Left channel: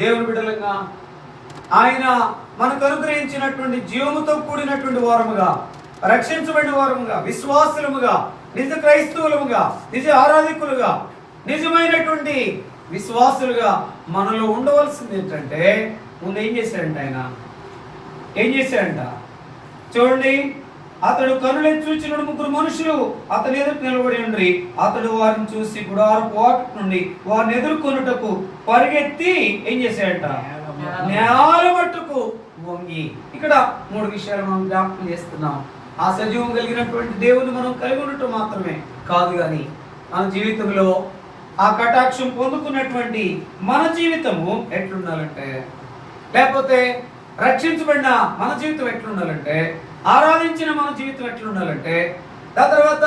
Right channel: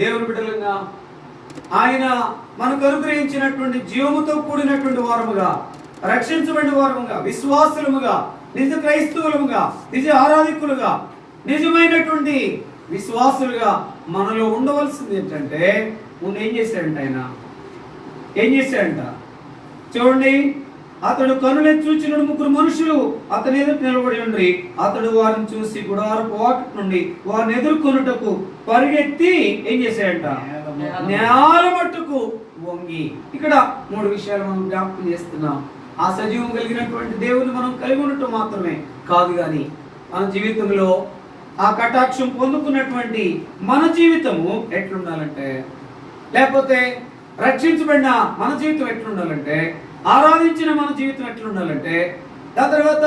దేవుని బిడ్డలంగా ఆయన మనకు అనుగ్రహించినటువంటి జీవముతో కూడినటువంటి వారముగా, రక్షించబడిన వారముగా, విశ్వాసులముగా, నిజ క్రైస్తవులముగా, నిజ ఆరాధికులుగా, నిజమైనటువంటి విశ్వాసులుగా మనలో ఉండవలసింది ఏంటంటే, ముందు ఏం చేశాడంట ఆయన? ఏం చేశాడంట చూడండి. అతడు కనులెత్తి చూచిన 3 మనుషులు అతని ఎదురు నిలబడి ఉండి, అతడు వారిని చూసి గుడారపు వాకిట నుండి వారిని ఎదుర్కొనుటకు పరిగెత్తి ఏం చేశాడంట? నేల మట్టుకు వంగి. ఇక్కడ 3 విషయాలు మనం జ్ఞాపకం చేస్తున్నాం. ఆ సజీవం కలిగినటువంటి దేవుని మనం కలిగి ఉండటం మాత్రమే కాదు, కానీ మన జీవితంలో ఆ కటాక్షం పొందుకున్నటువంటి మన జీవితము ఎట్లుండాలంటే, లేకపోతే రక్షించబడిన మన జీవితం ఎట్లుండాలంటే, ఆరాధించిన మన జీవితం ఎట్లుండాలంటే, దాని తర్వాత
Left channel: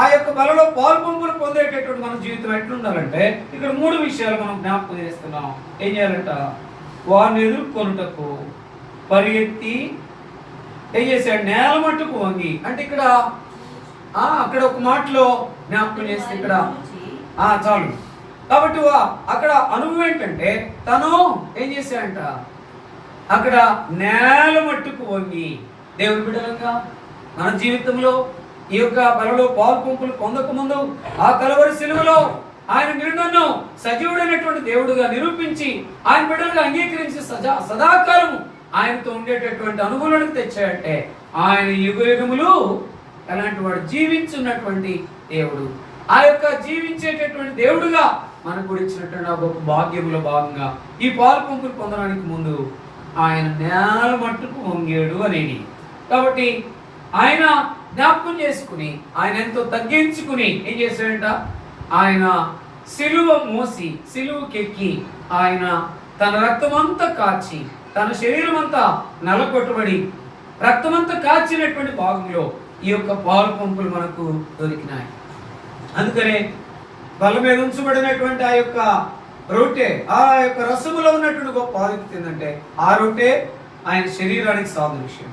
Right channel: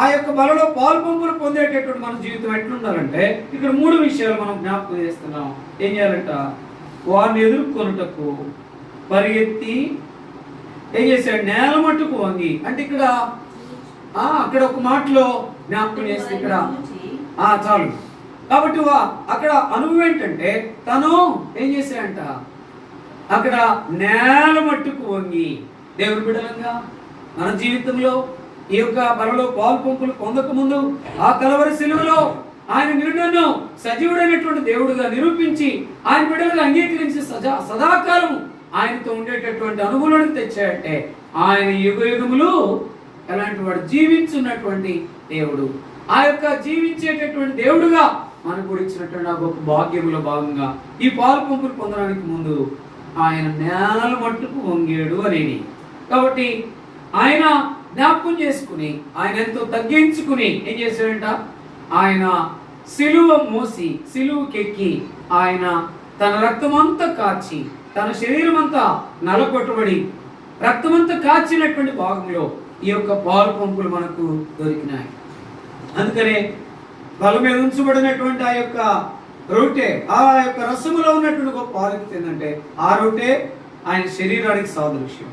ఆ యొక్క బలలో పాల్పొంపులు పొందేటటువంటి మన జీవితం ఎట్లుండాలంటే, ఇక్కడ 3 విషయాలు మనం జ్ఞాపకం చేస్తున్నాం. ఏం చేయాలంట? వారిని ఎదుర్కొనుటకు పరిగెత్తి ఏం చేశాడు? నేల మట్టుకు వంగి. అంటే ఇక్కడ అక్కడ ఒక మాటలో జ్ఞాపకం చేస్తే ఇక్కడ చాలు. కాబట్టి అక్కడ అనుభవం ఏంటంటే, తను ఏం చేశాడంట? అక్కడ నేల మట్టుకు వంగి. దేవుని బిడ్డలంగా మన జీవితంలో ఈ యొక్క బలలో పాల్పొంపులు పొందక ముందు ఆ కలవరి సిలువలో ఆయన నిన్ను సజీవుడైనటువంటి దేవుడుగా నిరూపించి ఆయన బిడ్డలుగా అంగీకరించి సదాకాలము ఆయనతో ఉండేటటువంటి అనుభవాలను తెచ్చాడంటే, ఆయన యుగ యుగములు అలాంటి వాడు జీవించున్నటువంటి దేవుడు. ఆ యొక్క జీవించేటటువంటి దేవుడుగా మనకు కూడా ఇచ్చినటువంటి ఆ గొప్ప భాగ్యములో భాగంగా ఈ పాల్పొంపులు పొందడానికి ముందు ఆయన నేల మట్టుకు వంగాడు అనేది. కాబట్టి ఆయన జ్ఞాపకం చేసుకుని, ఆయన ఎంతో తగ్గించుకుని ఏం చేశాడంట? ఆయన సిలువ మోసి సిలువకెక్కి ఆయన తన రక్తమంతా కాచి, తన శరీరం అంతా నలకొట్టబడి రక్తమంతా కాచినటువంటి భాగంలో ఈ యొక్క పాలు పంపులు మనకు దొరికినాయి. అందుకనే బల మీద ఉంచబడినటువంటి ఆ యొక్క రొట్టె, ఆ యొక్క రసములో ఉన్నటువంటి గొప్ప ఆధిక్యత ఏంటంటే, ఆ రొట్టె ఆయన శరీరానికి సాదృశ్యం,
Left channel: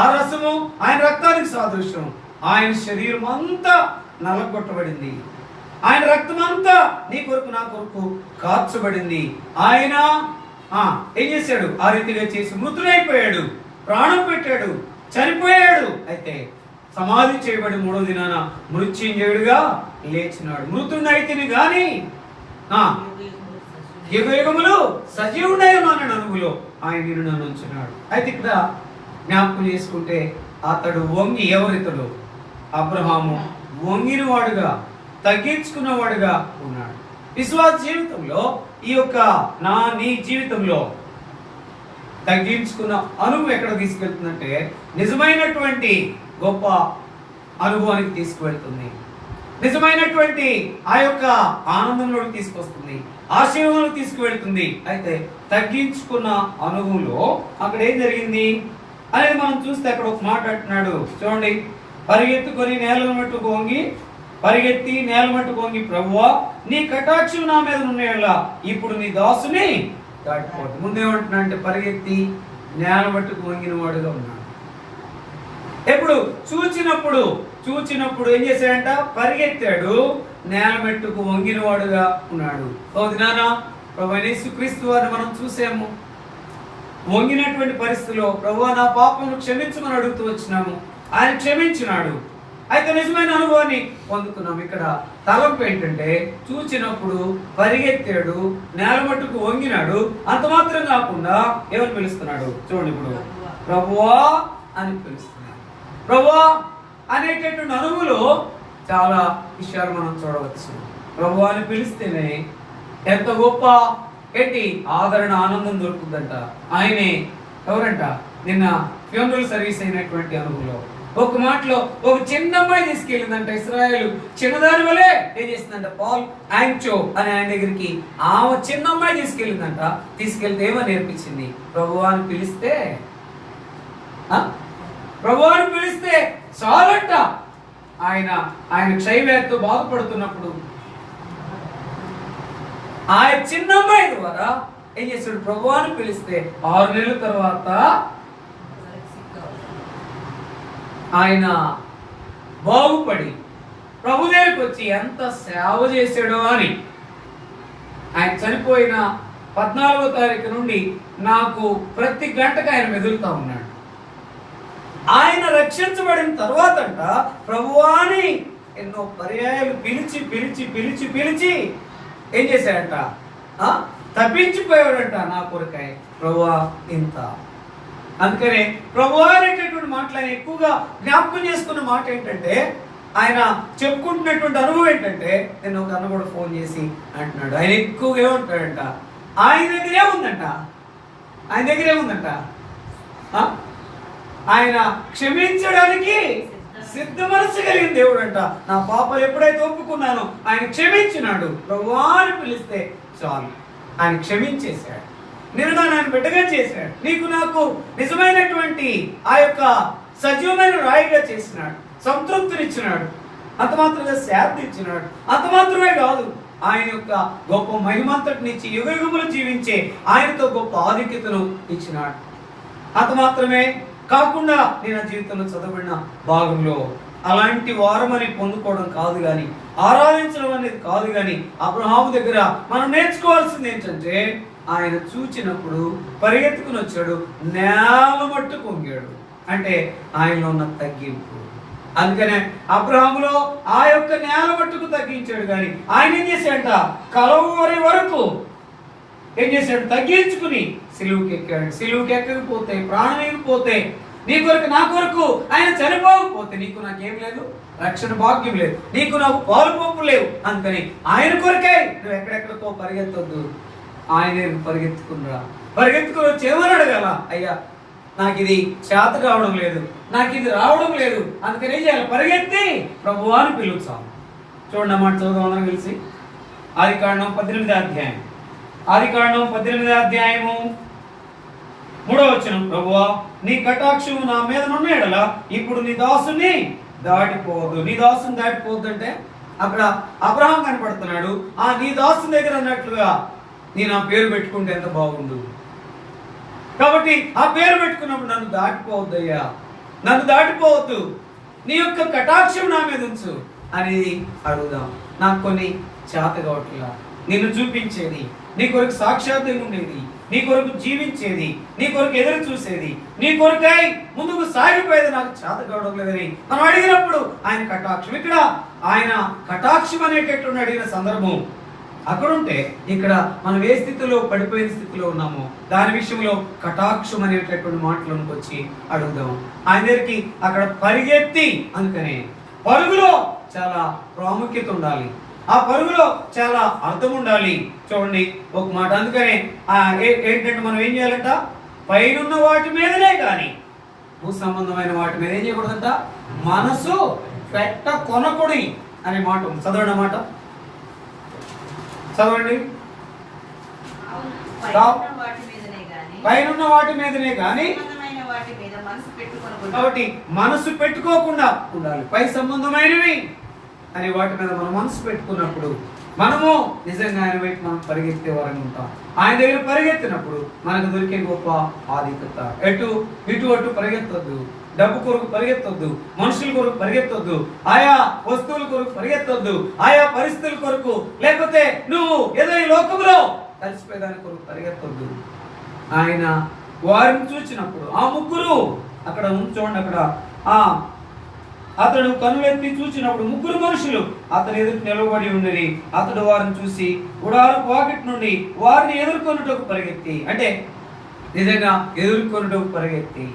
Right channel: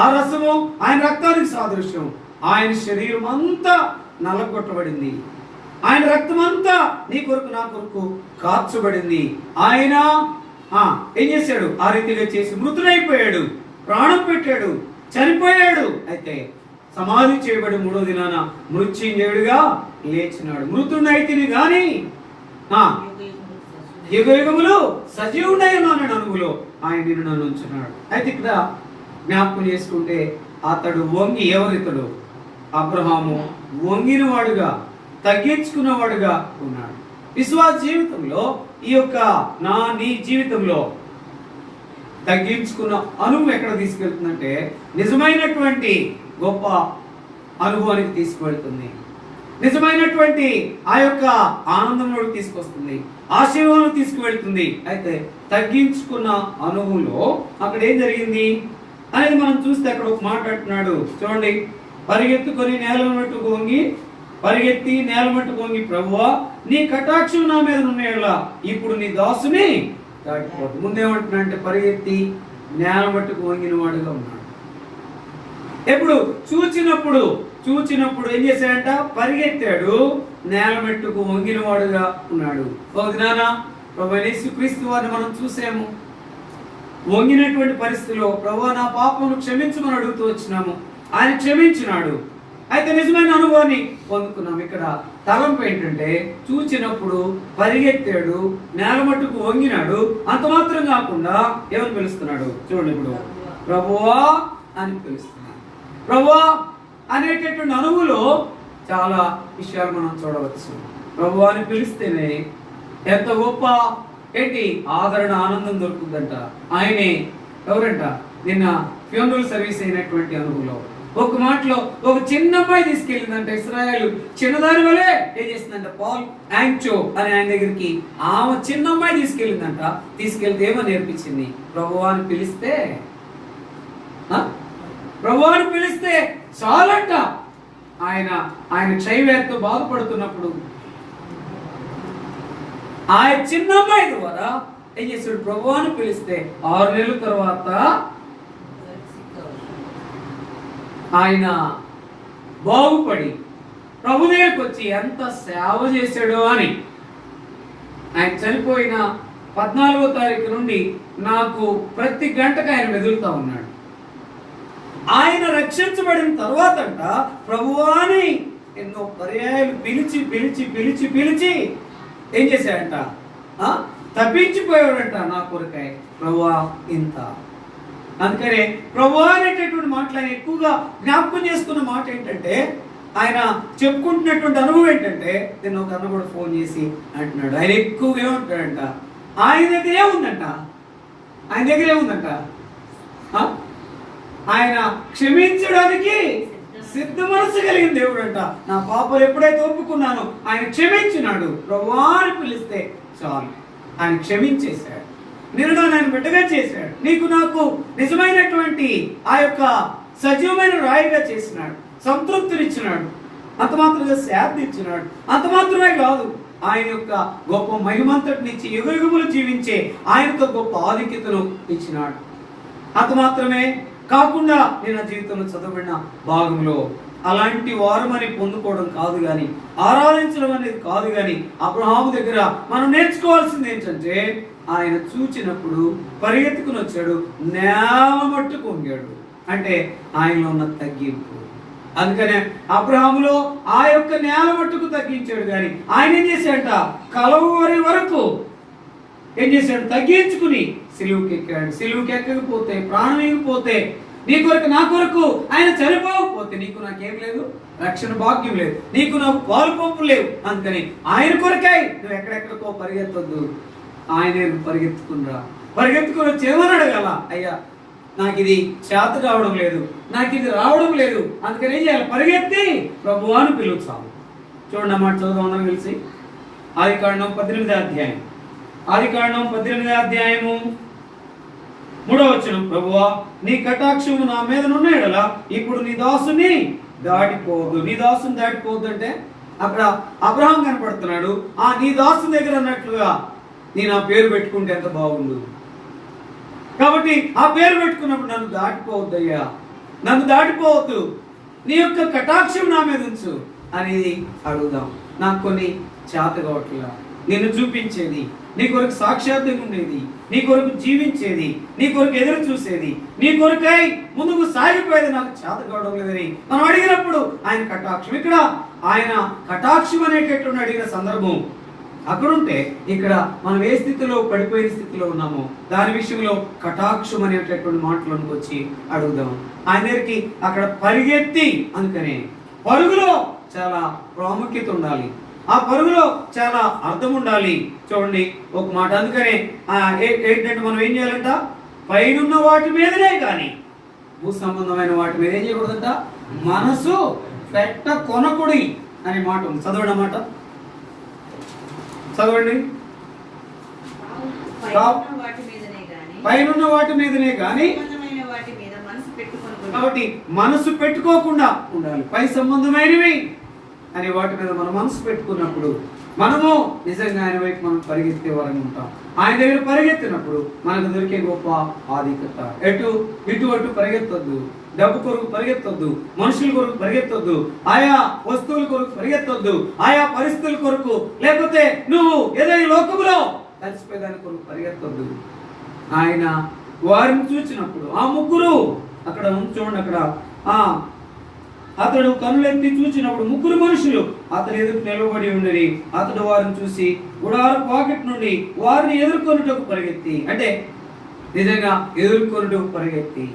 ఆ రసము ఆయన రక్తానికి సాదృశ్యం. ఆయన శరీరం అంతా నలగొట్టబడింది, ఆయన రక్తం అంతా నీ కొరకు నా కొరకు కార్చబడింది. ఆయన ఏం చేశాడు? ఆ రీతిగా చేసి మృతుడైపోయాడు, ప్రాణం పెట్టాడు, చనిపోయాడు. అయితే సమాధి చేయబడి 3వ దినాన మృత్యుంజయుడిగా లేచినాడు. మృతుడైతిని గాని యుగయుగములు సజీవుడై ఉన్నాను అనుగులో ఆయన నిన్ను ఉంచున్నాడు. అయితే ఇక్కడ జ్ఞాపకం చేసుకుంటే, అతడు వంగి, ఎవరితడు? అబ్రహాము వంగిన వాడుగా, తగ్గించుకున్నవాడుగా ఉన్నాడు. విశ్వాస జీవితంలో ఈ యొక్క నీ జీవితంలో తగ్గించుకున్న అనుభవం ఎక్కడ తీసుకెళ్తుందంటే, నిజమైనటువంటి గొప్ప అనుభవానికి తీసుకువెళ్తుంది, నిజమైనటువంటి ఆ యొక్క ఆనందంలోకి తీసుకొస్తుంది, ఆశీర్వాదం తీసుకువెళ్తుంది. అయితే తగ్గించుకున్న అనుభవంలో అక్కడ ఏం జరిగింది అనేది మనం చూస్తే అక్కడ ఒక మాట అంటున్నాడు చూడండి. పరిగెత్తుకొని నేల మట్టుకు వంగి, పరిగెత్తి నేల మట్టుకు వంగి, ప్రభువా నీ కటాక్షం నా మీద ఉన్నాయలా ఇప్పుడు నీ దాసుని దాటిపోతుంది. ముందేమంటున్నా అంటే, పరిగెత్తి నేల మట్టుకు వంగిన వాడుగా ఉన్నాడు. ఎప్పుడు చూచినప్పుడు ఏం చేశాడంట? పరిగెత్తాడు, నేల మట్టుకు వంగిన వాడుగా ఉన్నాడు. ప్రభువైన యేసుక్రీస్తు వారిని మనం చూసాము. వంగినటువంటి పరిస్థితిలో, ప్రభువా నా పాపమును క్షమించమని అడుగుతూ వచ్చినాము, ఆయన క్షమించినాడు. అయితే నిజమైన అనుభవాన్ని పొందుకున్నాం. ఇక్కడ తలంపు ఏంటంటే, చూచినప్పుడు పరిగెత్తాడు, నేల మట్టుకు వంగినాడు. అంత మాత్రం కాకుండా ఏమని పిలుస్తున్నాడు చూడండి. ఇప్పుడు ప్రభువా అని పిలుస్తున్నాడు. ప్రభువా అనేటటువంటి అనుభవంలో చాలా విషయాలు మనం చూడవచ్చు. ప్రభువా అని పిలిస్తేనే ఎంత గొప్ప ఆదరణ, ఆనందం దొరుకుతుందంట. ఆయనే ఎవరంట? నిన్న ఫ్యూనరల్ సర్వీస్ అయినటువంటి అనుభవంలో ఒక మాటలో ఒక చిన్న అమ్మాయి తీసుకెళ్ళిందంట. ఇశ్రాయేలు చిన్నదాని వలే ఏం చేసిందంట? పాల్ యాంచో అని ఆయన దగ్గరికి ఆమె చిన్న అమ్మాయి తీసుకెళ్ళిందంట. తీసుకెళ్తే ఏమో నేర్పించింది? ప్రభువాని పిలిస్తే చాలంట. ఆయన క్షయవ్యాధితో బాధపడుతున్నప్పుడు ఆయన చిన్న అమ్మాయి ద్వారా ఏం చేశాడు? ప్రభువాని పిలిస్తే 6 నెలల తర్వాత ఆయన బాగుపడి ప్రభు దగ్గరికి వచ్చి ఎంత సేవ చేశాడో అని. ఆయన చనిపోయిన 14వ తారీఖు నుండి నాకు ప్రతి గంటకు ఆయన మెదులుతా ఉన్నాడు. ఆయన రక్షించబడిన తర్వాత అంట ప్రభువాని ఎన్నో పర్యాయాలు పిలిచి పిలిచి పిలిచి పిలిచి ఏం చేశాడంట, తప్పించిపోయాడంట నా కొరకై ప్రభువా ఇంత. అందుకనే ప్రభువా అనేటటువంటి మాటలు ఆయన ఎక్కువగా జ్ఞాపకం చేసుకున్న మాట ఏంటంటే, ఆయన చెప్పుకుంటున్నటువంటి అనుభవం ఏంటంటే, నేను ఒక అన్న కూడా ఫోన్ చేసి అంటున్నాడు, ఆయన ఎక్కువగా ఏమంటాడంట, ఆయన దగ్గరే ఉందంట, ఆయన దగ్గరే ఉందంట, ఆయన క్షమించడానికి సిద్ధ మనసు కలిగిన దేవుడు అంట. నా పాపలు ఎప్పుడైతే ఒప్పుకున్నానో ఆయన క్షమించినాడు. ప్రభువాని పిలిస్తే చాలు, ఆయన క్షమించేశాడు, నేను ఆయన బిడ్డగా చేశాడు, నీకు నాకు నిజమైనటువంటి ఆ యొక్క సజీవమైన రాయిగా చేసినాడు, సంతృప్తినిచ్చినాడు, అంత మాత్రమే శాంతి ఇచ్చినాడు. అంత మాత్రమే కాదు, ఆయన యొక్క గొప్ప మహిమంతటినిచ్చి యుగయుగములు జీవించే ఆయనతో గొప్ప ఆధిక్యతను ఇచ్చినాడు. అంత మాత్రమే కాకుండా నేను ఆ జీవితంలో చదవబడిన భాగంలో అలాంటి వారమని పొందుకోవడం కాదు కానీ, ఆరాధించడం అనేది కాదు కానీ, అబ్రహాము దగ్గర మనం నేర్చుకోవాల్సింది ఏంటంటే, ఆయన చూచినప్పుడు పరిగెత్తుకుని వచ్చాడు, నేల మట్టు పొంగాడు. అంటే ఆయనలో ఉన్న తగ్గింపు. అందుకనే అబ్రహాములో ఆ యొక్క నేల మట్టుకు తగ్గించాడు. కానీ ఆయన ఏం చేశాడంట, కలవరి వరకు ఏం చేశాడు, తగ్గించుకుని సిలువుకి ఎక్కాడు. సిలువుకి ఎక్కకపోతే, ప్రాణం ఇవ్వకపోతే, నీ కొరకు నా కొరకు ఆయన చనిపోకపోతే నీకు నాకేం లేదు, రక్షణ భాగ్యం లేదు, నీకు నాకు పాలు పంపు లేవు. అందుకని ఆయన కొరకై నువ్వు ఎక్కడెక్కడికో పరిగెత్తొద్దు, ఆయన పరిగెత్తుకునిరా. పరిగెత్తుకుని వచ్చి ఏమని అడగాల, అయ్యా నాకు ఇది చేత కావడం లేదు, నాకు ఇది రావడం లేదు, అందుకని ఏం చేయాలి, పరిగెత్తి ప్రభువాను పిలుచాము. చూడండి అన్నమాట, చదువు అందరం కలిసి. ఆదికాండం 18వ అధ్యాయం, ఆదికాండం 18వ అధ్యాయము 3వ వచనం. ప్రభువా నీ కటాక్షము నా మీద ఉన్నాయడలా ఇప్పుడు నీ దాసుని దాటిపోవద్దు. నీ దాసుని దాటిపోవద్దు అంటే అక్కడ అబ్రహాం కనపడుతున్నాడు. ఆ నీ దాసుని దగ్గర అన్నట్లుగా నేను ఆ పేరు పెట్టుకుంటే ఎంత బాగుండు. కాబట్టి ఆ పేరు పెట్టుకున్నప్పుడు నన్ను దాటిపోవద్దయ్యా, నన్ను దాటిపోవద్దు, నీ యొక్క కటాక్షం నా మీద ఉంచు అనేది అడుగుదాం. నాకు కొన్ని చేత కావట్లా, నిన్ను చూపించేది, నీ కొరకు సాక్షాత్తంగా ఉండేది, నీ కొరకు జీవించేది, నీ కొరకు ఎదురు చూసేది, నీ కొరకై ముందుకు సాగిపోయేది నాకు చేత కావడం లేదని మనం అడిగినప్పుడు ఆయన కటాక్షం. ఇక్కడ ఆయన కటాక్షం అనేటటువంటి అడిగిన సందర్భం అక్కడుంటే, ఇక్కడ మనం ఏ స్థితిలో పడిపోయిన స్థితిలో ఉన్నామో దాని విషయంలో కటాక్షం అనేటటువంటి మాటలోకి వచ్చి అడుగుదాం. ఆయన దగ్గరికి అక్కడ పరిగెత్తి, అందుకనే పరుగులో చాలా ప్రాముఖ్యత ఉండాలి, ఆ పరుగులో చాలా అర్థం ఉండాలి. చూడండి ఒక మాట, అందుకనే ఏంటంటే మనం ఏం చేయాలంట, పైనున్న వాటి మీదనే కానీ భూ సంబంధమైన వాటి మీద ఏం చేయకూడదంట, మనసు పెట్ట కొనకుడి అనే మాట ఉంది. చదవండి అన్నమాట, చదవండి. పైనున్న వాటి మీదనే కానీ, కాబట్టి మనసు పెట్టుకోకుండా ఉండాలి. పై సంబంధమైనవి అనే వాటి మీద మనం మనసు పెట్టుకున్నప్పుడు మనము నిజంగా ఆయన వైపు మనం పరిగెత్తే వారంగా ఉంటాం. ఆయన దగ్గర పరిగెత్తినప్పుడు మనకు దొరికే గొప్ప ఆధిక్యత. ఇటు అటు పరిగెత్తొద్దు, డబ్బు కొరకు పరిగెత్తొద్దు, మనుషుల కొరకు పరిగెత్తొద్దు, ఆయా వస్తువుల కొరకు పరిగెత్తొద్దు, ఆయా పరిస్థితుల కొరకు, లేకపోతే నువ్వు ఏదో ఈ లోకంలో కలిసిపోయేదాని కొరకు పరిగెత్తొద్దు. ఆయన వారిని చూసినప్పుడు ఆ ముగ్గురు అక్కడ చూడండి, అక్కడ అతడు కనులెత్తి చూసినప్పుడు ముగ్గురు మనుషులు అతని ఎదురు నిలబడి ఉన్నది. అతడు వారిని చూసి గుడార పాకెట్ నుండి వారిని ఎదుర్కొనుటకు పరిగెత్తి, అంటే నిజంగా ఎదుర్కొనుటకు పరిగెత్తి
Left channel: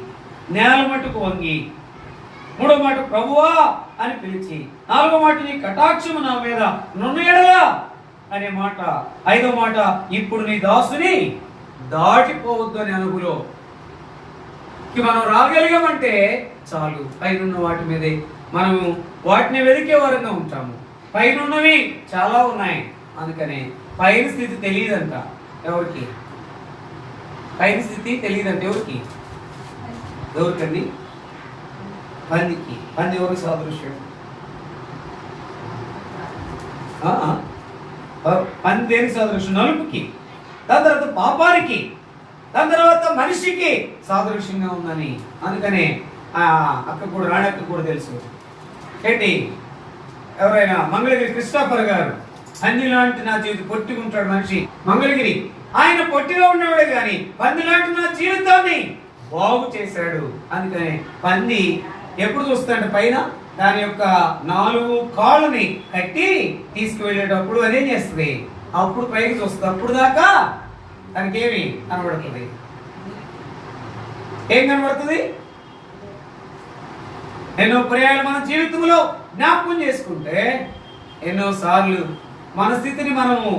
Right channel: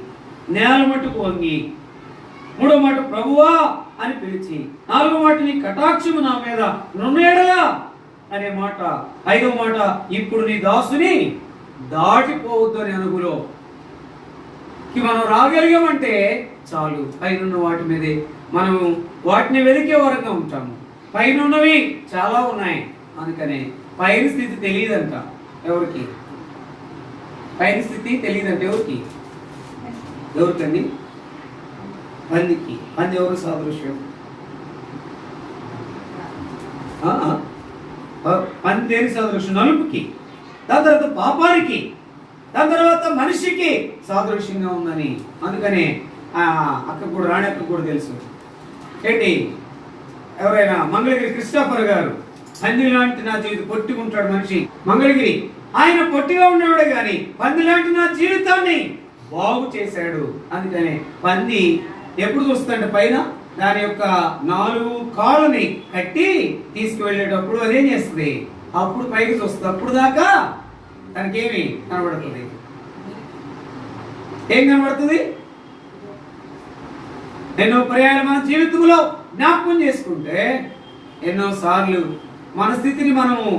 నేల మట్టుకు వంగి, 3వ మాట ప్రభువా అని పిలిచి, 4వ మాట నీ కటాక్షము నా మీద నున్నేడలా అనే మాట, 5వ మాట ఇప్పుడు నీ దాసుని దాటిపోవద్దు అనే అనుగులో మనం రాగలిగామంటే చాలు. పైనున్న వాటి మీదే మనము వాటిని వెతికే వరంగా ఉంటాము. పైనున్నవి చాలా ఉన్నాయి, అందుకనే పైన స్థితి తెలియదంట ఎవరికి, పైన స్థితి తెలియదంట ఎవరికండి, పందికి. పంది ఎవరు సాదృశ్యం, పంది దేనికి సాదృశ్యం, నలుపుకి, దాని తర్వాత పాపానికి, దాని తర్వాత మనిషికి సాదృశ్యంగా ఉందని. అందుకనే అక్క కూడా రాణక్క కూడా తెలుసు ఏంటి, ఎవరైనా మంగళగిరి క్రిస్టోఫర్ గారు, అన్ని లాంటి నా జీవితం పొట్టుకుంటాడు మనిషి, మంగళగిరి ఆయన పొట్టిగా ఉండేవాడే కానీ పంది లాంటి నా జీవితాన్ని బాగు చేశాడు. అందుకని పంది ఎప్పుడు చూస్తుందంటే పైన దాని యొక్క 4 కాళ్ళని కట్టి తీసుకువెళ్ళేటప్పుడు అదేం చేస్తుంది, అప్పుడు పైకి చూస్తుంది. అప్పుడు దాకా దానికేమి కనబడుతుంది? ఏం కనబడుతుంది? ఎన్నో పర్యాలు మన జీవితంలో జ్ఞాపకం చేసుకుంటే ఎన్నో సార్లు మన స్థితిని మనము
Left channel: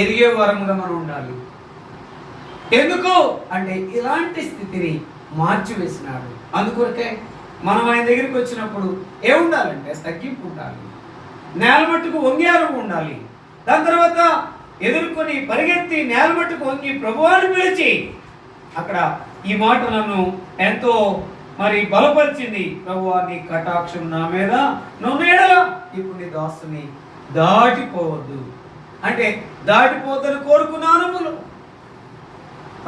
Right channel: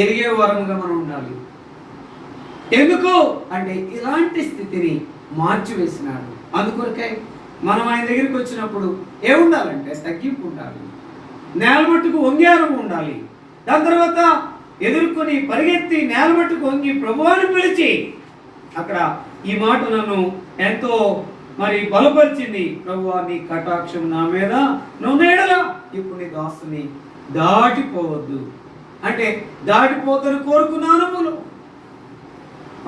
ఎరిగే వరముగా మనం ఉండాలి. ఎందుకు అంటే ఇలాంటి స్థితిని మార్చివేసినాడు. అందుకొరకే మనం ఆయన దగ్గరికి వచ్చినప్పుడు ఏముండాలంటే తగ్గింపు ఉండాలి, నేల మట్టుకు వంగ్యారం ఉండాలి. దాని తర్వాత ఎదుర్కొని పరిగెత్తి నేల మట్టుకు వంగి ప్రభువాన్ని పిలిచి అక్కడ ఈ మాట నన్ను ఎంతో బలపరిచింది. ప్రభువా నీ కటాక్షం నా మీద నువ్వు ఇప్పుడు నీ దాసుని దాటిపోవద్దు అంటే దాటిపోతని కోరుకున్నాను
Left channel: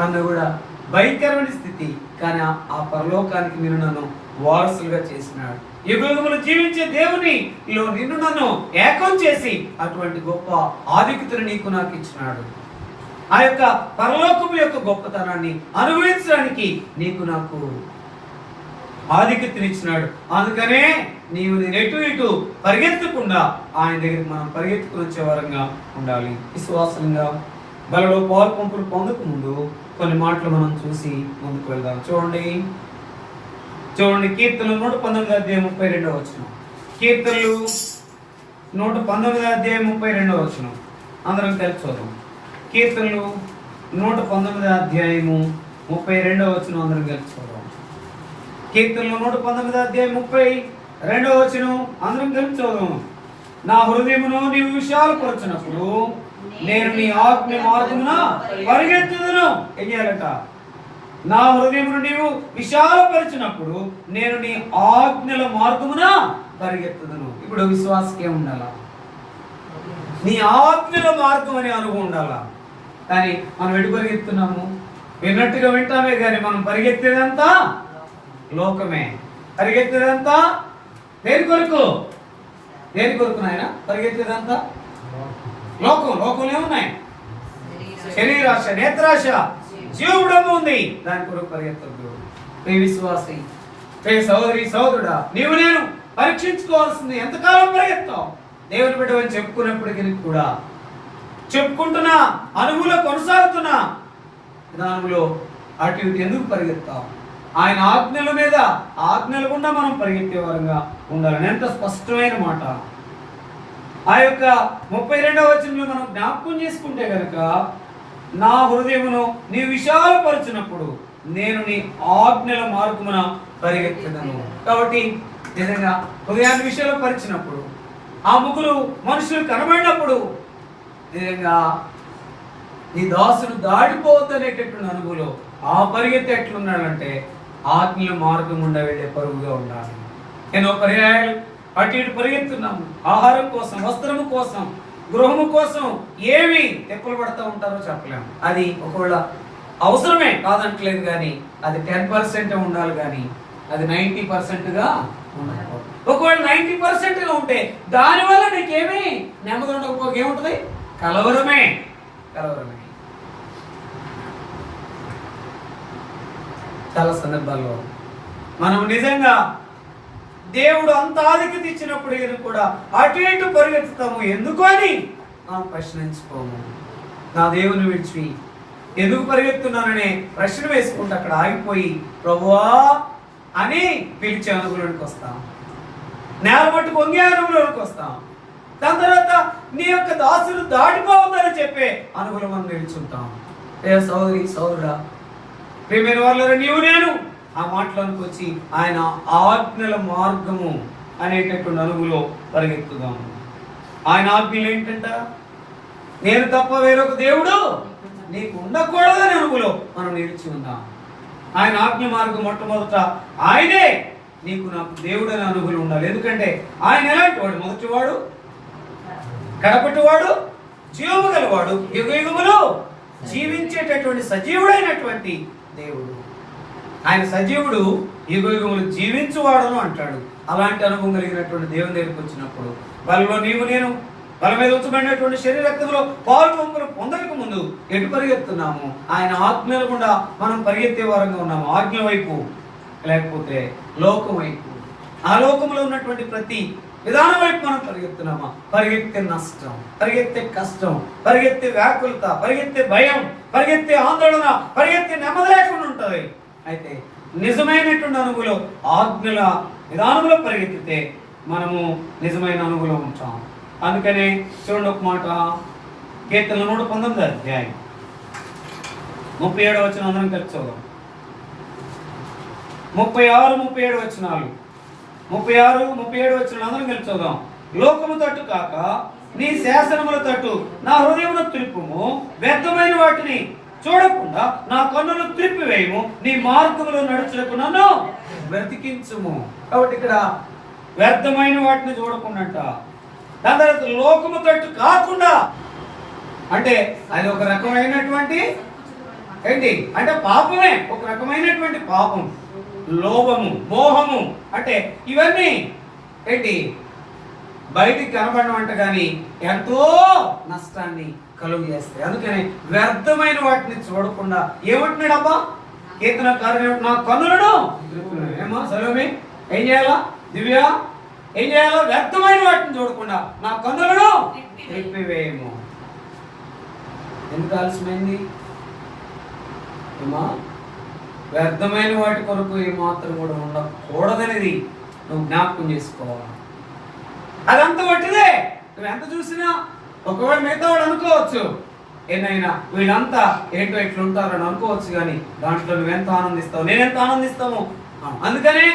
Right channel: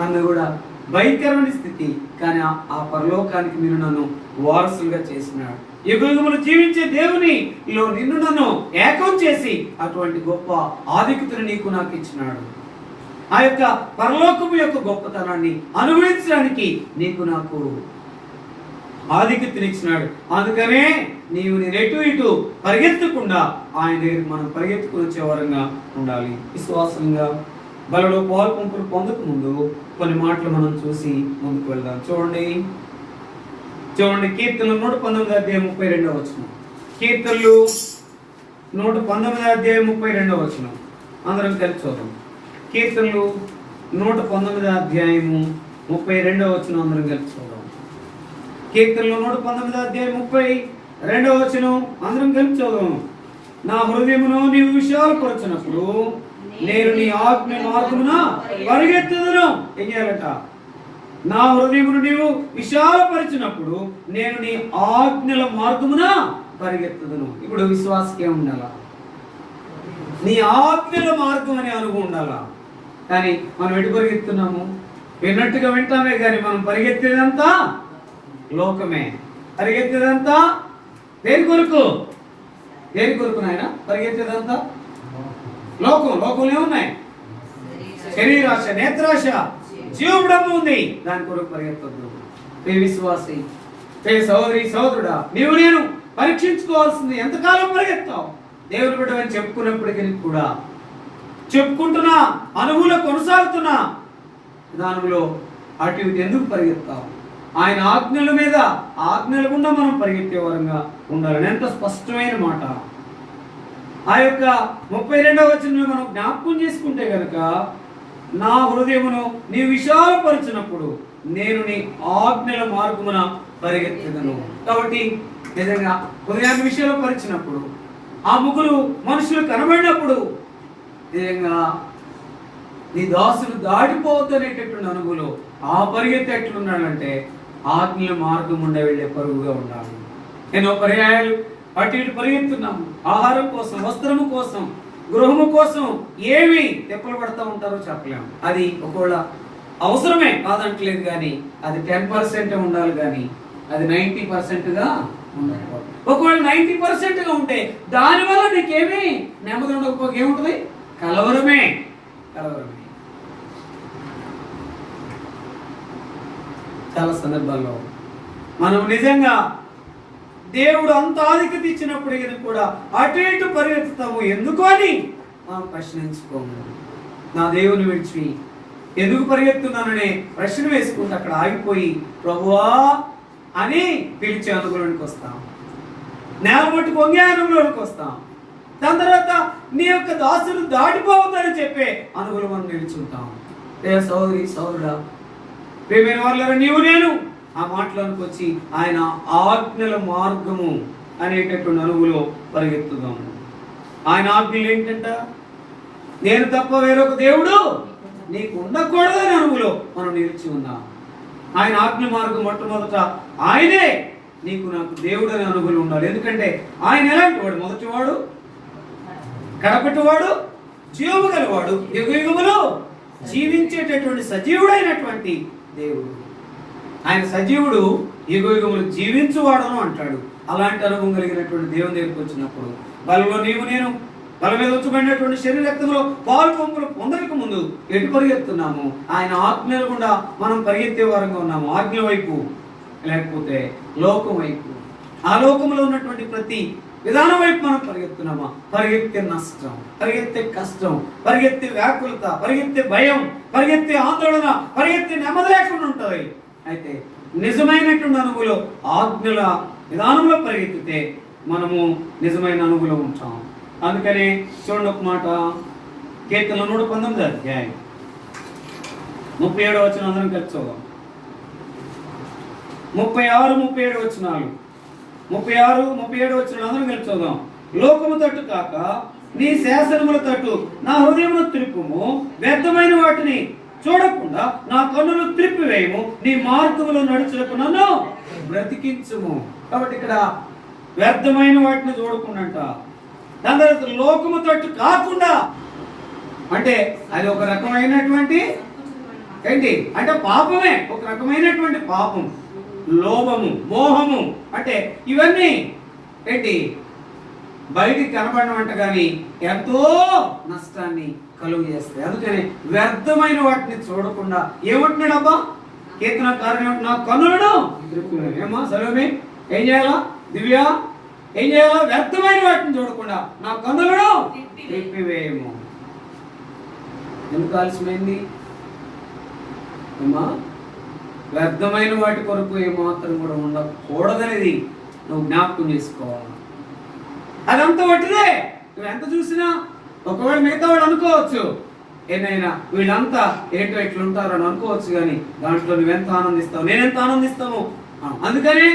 అన్న కూడా భయంకరమైన స్థితి. కానీ ఆ పరలోకానికి నిన్ను నన్ను వారసులుగా చేసినాడు. యుగములు జీవించే దేవునిలో నిన్ను నన్ను ఏకం చేసి అటువంటి గొప్ప ఆధిక్యతను నీకు నాకు ఇచ్చినాడు. ఆ యొక్క పరలోకము యొక్క గొప్పతనాన్ని అనుభవించడానికి నీకు నాకు ఆధిక్యతనిచ్చినాడు. అందుకనే నీవు నేను ఇటు పరిగెత్తకుండా ఆయన దగ్గరికి మనం పరిగెత్తుకుని వచ్చే వరంగా ఉండాలి. విశ్వాసంగా బలలో పాలు పంపులు పొందక ముందు కొన్ని మాటలు మనం చూసి ముందుకు వెళ్దాం. చూడండి కీర్తనలు 119 అధ్యాయం 32వ వచనం. కీర్తనలు 119 అధ్యాయం 32వ వచనం అందరం కలిసి చూద్దాం. కీర్తనలు 119 అధ్యాయము 32వ వచనం అందరం కలిసి చూద్దాం. కీర్తనలు 119 అధ్యాయం 32వ వచనం అందరం కలిసి చదువుదాం. నా హృదయమును నీవు విశాలపరచినప్పుడు నేను నీ ఆజ్ఞ మార్గమున పరిగెత్తుదును. ఏం చేయాలంట? నా హృదయమును నీవు విశాలపరిచినప్పుడు నేను నీ ఆజ్ఞల మార్గమున పరిగెత్తుదును. ఇప్పుడు విశ్వాసకే ఉండాలా, నీ ఆజ్ఞల మార్గం అనే అనుభవం ఉండాలా. కానీ మనం ఎటు పరిగెత్తున్నాము? విన్నట్టుగా వింటామే కానీ మనం పరిగెత్తేదంతా లోకమే. పరిగెత్తేదంతా దేని కొరకు నాయన? పరిగెత్తేదంతా లోకంలో ఏమున్నాయి? శరీరాశ, నేత్రాశ, జీవడము ఉంది. దాని కొరకు పరిగెత్తద్దు. ప్రియ విశ్వాసి, ప్రియ సహోదరి సహోదరుడా, నీవు నేను పరీక్షించుకోవాల్సింది ఎంతకాలం పరిగెత్తావు? దేవుని బిడ్డవని చెప్పుకున్నప్పటికీ కూడా చెప్పుకుంటున్నా అనుభూలో కొనసాగుతున్నా విధానంలో అటు ఇటు ఎందుకు పరిగెత్తావు? ఆయన ఆజ్ఞల మీద ఆజ్ఞల గుండా మనం పరిగెత్తే వారంగా ఉండాలని ఎంత స్పష్టమైన మాట. ఆ యొక్క 32వ వచనంలో మనం జ్ఞాపకం చేసుకుంటే కనుక నా హృదయమును నీవు విశాలపరిచినప్పుడు నేను నీ ఆజ్ఞల మార్గమున పరిగెత్తదను. కాబట్టి నిజంగా హృదయాన్ని విశాలపరిచినప్పుడు ఆ ముగ్గురు మనుషులు కనబడినప్పుడు నిజంగా నీ దాసును దాడిపోవద్దు అనేటటువంటి అనుభవం ఆ పరిగెత్తి ఎట్లున్నాడంటే ఆజ్ఞల మార్గం ఉండ వెళ్ళే పరుగుగా ఉండాలి. ఎన్నో పర్యాయాలు అటు ఇటు పరిగెత్తున్నాము. ఆహారం కోసం, వస్త్రము కోసం, గృహము కోసం ఏమి ఎప్పుడు పడతా ఉంటారో చెప్పలేము. అది ఒకవేళ అవసరమే కాదంటలేదు, కానీ అది 10% ఉండాలి, కానీ అది 90%గా ఉండదు. ఒకవేళ 90%గా ఉంటే దానివల్ల నీకేమీ నెమ్మది ఉండకపోతే ఏముంటుంది? కలవరమే. చాలా సందర్భాల్లో మనం నిజంగా దేవుడు అంత ఆధిక్యత ఇచ్చినప్పుడు కూడా అటు ఇటు పరిగెత్తుతాము. ఎందుకు అని మనం ప్రశ్నించుకోము. నా దేవుని విడిచి ఎందుకు పరిగెత్తున్నాననే ప్రశ్న వేసుకుంటూ అక్కడ ఆగిపోయి ప్రభువా అని పిలిచే అనుభవానికి వస్తాం. నేల మట్టుకు వంగే అనుభవంలోకి వస్తాం. దాని తర్వాత నీ యొక్క దాసును దాటిపోవద్దని చెప్పే అనుభవం మనం నిల్చుంటాం. సహోదరి సహోదరుడా, ప్రేమైన వాళ్ళ నీవు నేను ఆ మాటలోనికి వచ్చి ఆయన ఆజ్ఞల మార్గము అనేటటువంటి అనుభవంలో పరిగెత్తుదాము. ఆయన ఆజ్ఞలు ఏంటంట? నేను తప్ప వేరొక దేవుడు నీకు ఉండకూడదని అనుభవంలో మనం నిలిచి ఉన్నాం. ఆయన ఆజ్ఞ మార్గం మొట్టమొదట ఆయనే నీకు నాకు దేవుడు అనే అనుభవం ఉండాలి. ఎందుకంటే ఆయన ఎలాంటి వాడు? మొదటివాడు, కడపటివాడు, జీవము గలవాడు, యుగ యుగములో జీవించేటటువంటి సజీవుడైనటువంటి దేవుడు. ఆయన సజీవుడు, యుగ యుగములు జీవించువాడను అంటాడు. అలాంటి అనుభవం కలిగినటువంటి దేవుని దగ్గరికి వచ్చినప్పుడు వాళ్ళలో నీవు నేను బల మీద ఉంచబడినటువంటి శరీర రక్తంలో పాలు పంపులు పొందక ముందు ఎటు పరిగెత్తున్నాము? ఆయన ఆజ్ఞల గుండా మనం పరిగెత్తే వారంగా ఉన్నాము. ఆజ్ఞ వైపు లేకపోతే లోకం వైపు, ఆ లోకంలో ఉన్నటువంటి ప్రతి విధానం వైపు మనం పరిగెత్తున్నామా? పరిగెత్తే నష్టం, పరిగెత్తే కష్టం, పరిగెత్తే వ్యాకులత, పరిగెత్తే భయం, పరిగెత్తే ఆందోళన, పరిగెత్తే నెమ్మది లేకుండా ఉంటుంది. అయితే నిజమైనటువంటి అనుగులో ఆజ్ఞల విధానంలో పరిగెత్తితే మనము నిజమైన అనుగులో ఉంటాం. అందుకనే చూడండి ఒక మాట, కీర్తనల 119 అధ్యాయం 37 వచనం అందరం కలిసి చూద్దాం. 36, 37 వచనాలు, 36, 37 వచనాలు అందరం కలిసి చూద్దాం. లోకము తట్టు కాక నీ శాసనముల తట్టు నా హృదయమును త్రిప్పుము, వ్యర్థమైన వాటిని చూడకుండా నా కన్నులు త్రిప్పివేయము, నీ మార్గములో నడుచుటకు నన్ను బ్రతికించుము. కాబట్టి ఇక్కడ వ్యర్థమైన వాటిని చూడకుండా, దాని తర్వాత లోకము తట్టు కాకుండా అంటే అది ఒక రకమైనటువంటి ఏంటి అంటే పాపమే, ఒక రకమైనటువంటి పాపం. లోభము, మోహము అంటే ఇవన్నీ ఏంటి బయటికి కనబడమంట కానీ ఎంతో నష్టాన్ని కలుగు చేస్తాయి. అందుకని వ్యర్థమైన వాటిని చూడకుండా ఏమంటున్నాడు అబ్బా కీర్తనకారుడు? నా కన్నులను ఏమా సలోమి ఏం చేయాలా? దివ్య ఏం చేయాలో? వ్యర్థమైన వాటిని చూడకుండా నా కన్నులను త్రిప్పివేయము. ఎందుకు ఆలస్యమైంది? ఏమా వ్యర్థమైన వాటి కొరకు ఏమాత్రం కూడా ఉండకూడదనేది నువ్వు జ్ఞాపకం చేసుకోవాలి. అదంతా వట్టిదే. నువ్వు ఎంత చూసినా ఒకవేళ మిగతా వాడు అనుకోవచ్చు ఏనైనా వీళ్ళంతా ఏంటో ఇట్లుంటారు అని అనుకోవచ్చు, కానీ దాంట్లో నువ్వెంత ఆనందిస్తావు, నేనెంత ఆనందిస్తాము. అందుకనే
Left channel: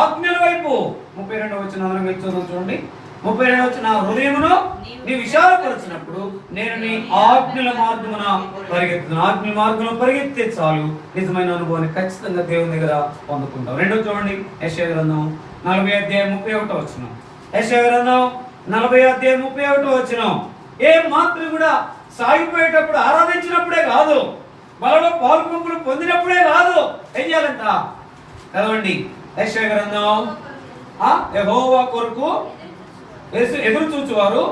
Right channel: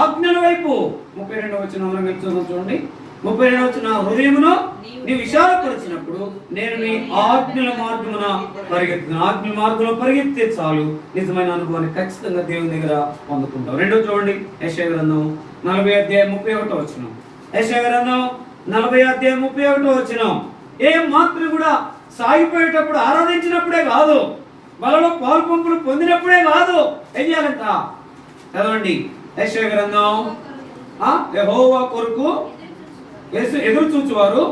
ఆజ్ఞల వైపు 32 వచనం అందరం వెళ్తున్నాం చూడండి. 32 వచనం, నా హృదయమును నీ విశాలపరిచినప్పుడు నేను నీ ఆజ్ఞల మార్గమున పరిగెత్తుతున్నాను. ఆజ్ఞల మార్గంలో పరిగెత్తే చాలు నిజమైన అనుభవాన్ని ఖచ్చితంగా దేవుని దగ్గర పొందుకుంటాం. రెండో చూడండి, యెషయా గ్రంథం 40 అధ్యాయం 31 వచనం. యెషయా గ్రంథం 40 అధ్యాయం 31 వచనం. ఏం మాత్రం కూడా సాగిపోయేటప్పుడు ఆరాధించినప్పుడే కాదు, వాళ్ళలో పాలు పంపులు పొందినప్పుడే కాదు, ఏం చేయాలంట చదవండి. యెషయా గ్రంథం, యెహోవా కొరకు ఎదురు చూచువారు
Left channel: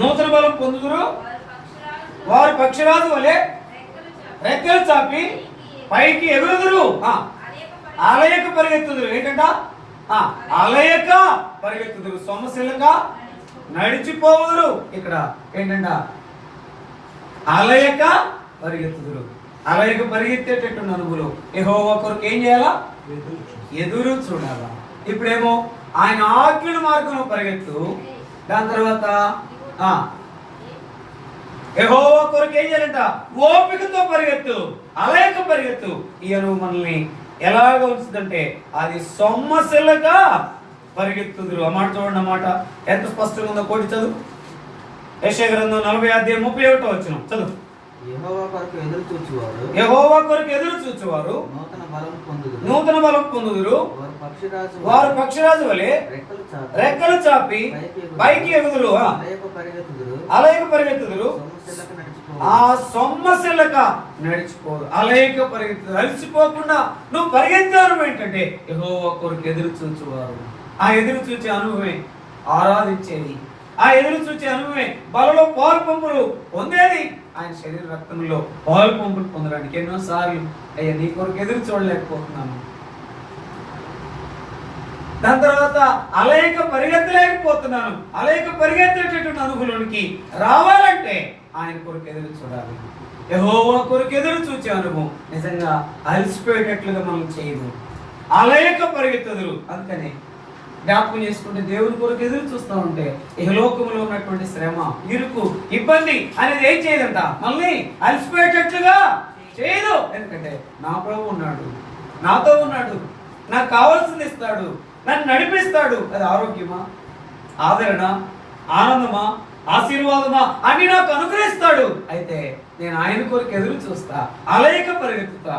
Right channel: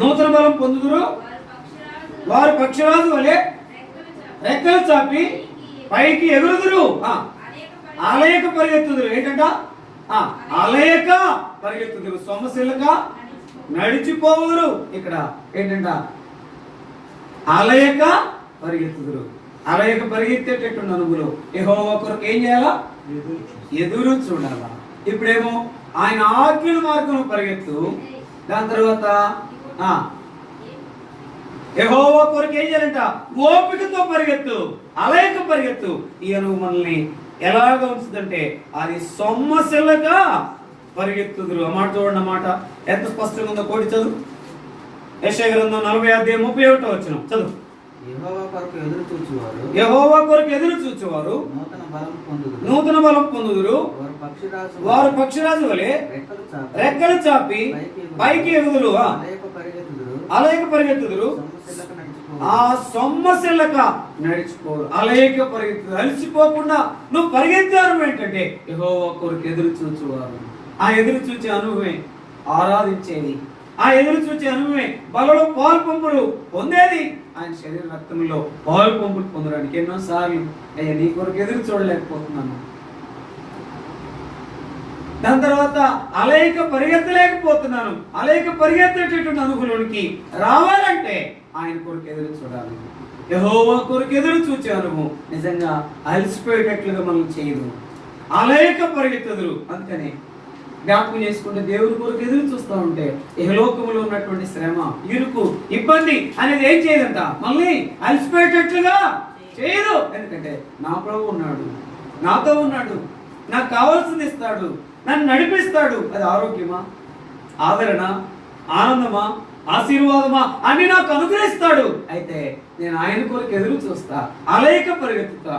నూతన బలం పొందుదురు, వారి పక్షిరాజు వలె రెక్కలు చాపి పైకి ఎగురుదురు, అలయక పరిగెత్తుదురు. ఏంటంట? అలయక పరిగెత్తుదురు, సొమ్మసిల్లక నడిచిపోవుదురు. ఇక్కడ ఏంటంట? అలయక పరిగెత్తుదురు. అలయక పరిగెత్తేటట్టు నలుగురు యెహోవా కొరకు ఏం చేయాలా? ఎదురు చూడాలా. ఇప్పుడేమో ఆయన ఆజ్ఞల మార్గంలో పరిగెత్తు, దాని తర్వాత యెహోవా కొరకు ఏం చేయాలంట? ఓపికతో పరిగెత్తు, అలయక పరిగెత్తు. ఈ అనుభవం మనల్ని ఎలాగ ఉంచుతుందంటే అది సొమ్మసిల్లగా పరిగెత్తుదురు. ఆ మాట చూడండి, అన్నమాట ఎంత స్పష్టంగా ఉందో. కోడి చదువు. యెషయా గ్రంథం 40 అధ్యాయం 31 వచనం చదువు. యెహోవా కొరకు ఎదురు చూచువారు నూతన బలం పొందుదురు, వారు పక్షిరాజు వలె రెక్కలు చాపి పైకి ఎగుదురు, అలయక పరిగెత్తుదురు, ఆ సొమ్మసిల్లక నడిచిపోదు. అలయక పరిగెత్తుదు, అలసిపోకుండా నువ్వు పరిగెత్తారు. ఏంటంటే యెహోవా కొరకు ఎదురు చూచువారు. ఆ ఎదురు చూచే అనుభవమే ఆరాధించేది, ఆ ఎదురు చూచే అనుభవమే బలలో పాలు పంపులు పొందేది. ఆయన శరీర రక్తంలో పాలు పంపులు పొందడానికి ఎన్నోసార్లు అయ్యా నీ కొరకు ఎదురు చూడలేకపోతున్నాను, దాని తర్వాత అలయక పరిగెత్తలేకపోతున్నాను. అలయక పరిగెత్తేటటువంటి అనుభవంలోనికి రావాలంటే ఆయన కొరకు ఎదురు చూడాలి. యెహోవా కొరకు ఎదురు చూచే అనుభవం నిజంగా అలసిపోయేటట్లుగా మనం చేయదు, అలయక పరిగెత్తదురు. అందుకనే జ్ఞాపకం చేసుకుంటే దేవుని కొరకు ఎదురు చూస్తూ ఉంటే ఇహలోకములో ఉన్నటువంటి శ్రమ, ఇరుకు, ఇబ్బంది అనేది ఏం చేయదంట, మళ్ళీ అలసిపోయేటట్లుగా చేయదు. ఎందుకంటే నా ప్రభు ఉన్నాడు, నాతో ఉన్నాడు, నాకు కావాల్సింది ఇస్తాడు, నన్ను నడిపిస్తాడు. అది ఆరోగ్యమా, ఆదరణ, ఆనందమా, ఆశీర్వాదమా అన్ని నాకు అనుగ్రహిస్తాడు. అయితే నేను ఆయన కొరకు ఎదురు చూస్తా, అలయక పరిగెత్తుతా.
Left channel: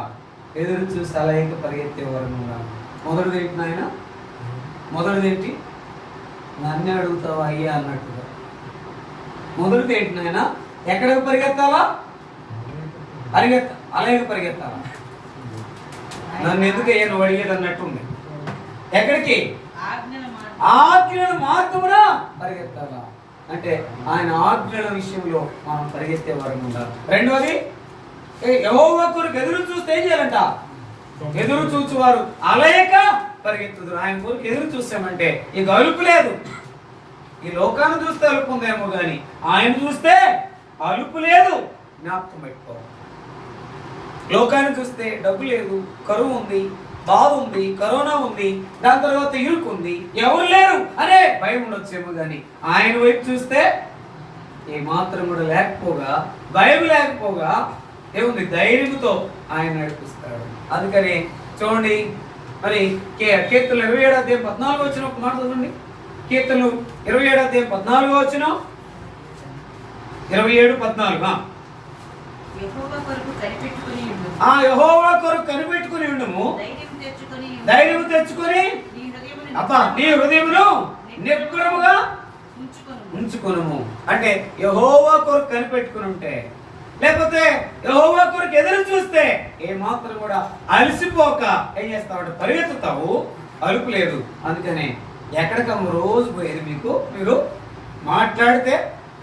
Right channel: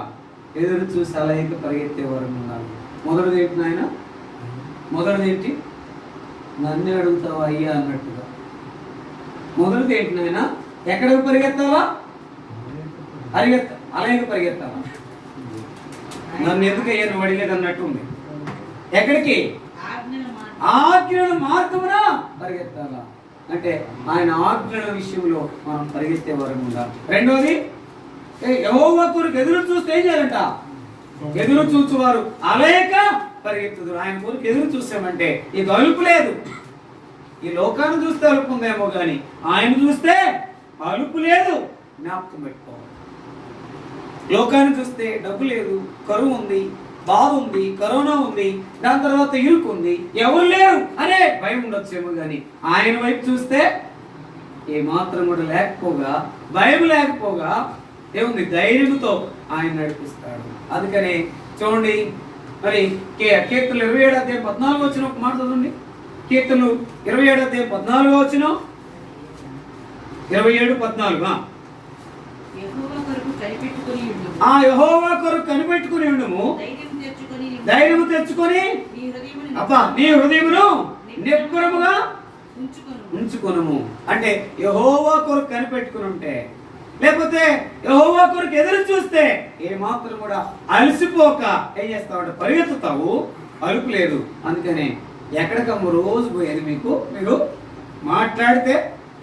ఎదురు చూసి అలయక పరిగెత్తే వరకు ఉండాలి. మొదటిది ఏంటి నాయన? మొదటిది ఏంటి? నన్నే అడుగుతావా అయ్యా అన్నట్టుగా. మొదటిది ఏంటి నాయన? ఎక్కడికి పరిగెత్తాలా? అలయక పరిగెత్తాలా? నన్ను ఎందుకయ్యా నువ్వు అడిగేది అన్నట్టు ఉంది. ఎక్కడికి? ఆజ్ఞల మార్గమున పరిగెత్తాలా? అంటే ఆయన ఆజ్ఞల విషయంలో మనం పరిగెత్తే వారంగా ఉండాలి. రెండోది, యెహోవా కొరకు ఎదురు చూస్తే ఏం చేయాలంట? ఎదురు చూచువారు అలయక పరిగెత్తుదురు. ఆయన కొరకు ఎదురు చూసామంటే ఇక అలుపు లేదు. ఈ లోకాన్ని చూస్తే అలుపు ఉందేమో కానీ ఆయన చూస్తే అలుపు లేదు. జ్ఞాపకం పెట్టుకోవాలి. లోకాన్ని చూస్తే డబ్బు లేదు, కరువు ఉంది, బాధ ఉంది, కరోనా ఉంది, దాని తర్వాత ఇరుకు ఉంది, ఎవరు లేరు అనే భయం ఉండొచ్చేమో కానీ ఆయన వైపు చూస్తే ఏ మాత్రం కూడా లేకపోగా, భయం లేకపోగా ఏముంది? ధైర్యంతో ఆయన నడిపిస్తాడు. అందుకనే చూడండి, మరి కీర్తనలు 27:14 వచ్చిన ఒక మాట చదవండి. కీర్తనలు 27:14 27:14. యెహోవా కొరకు కనిపెట్టుకుని ఉండుము, ధైర్యం తెచ్చుకొని నీ హృదయమును నిబ్బరముగా ఉంచుకొనుము. అంటే యెహోవా కొరకు కనిపెట్టుకుని ఉంటే, లేకపోతే యెహోవా కొరకు ఎదురు చూస్తే ఏ మాత్రం కూడా అలసిపోక ఏం చేస్తావు? పరిగెత్తుతావు, అలుపు లేదు. అందుకనే ఎక్కడికమ్మ రోజు పోయేది మీరు మాట్లాడితే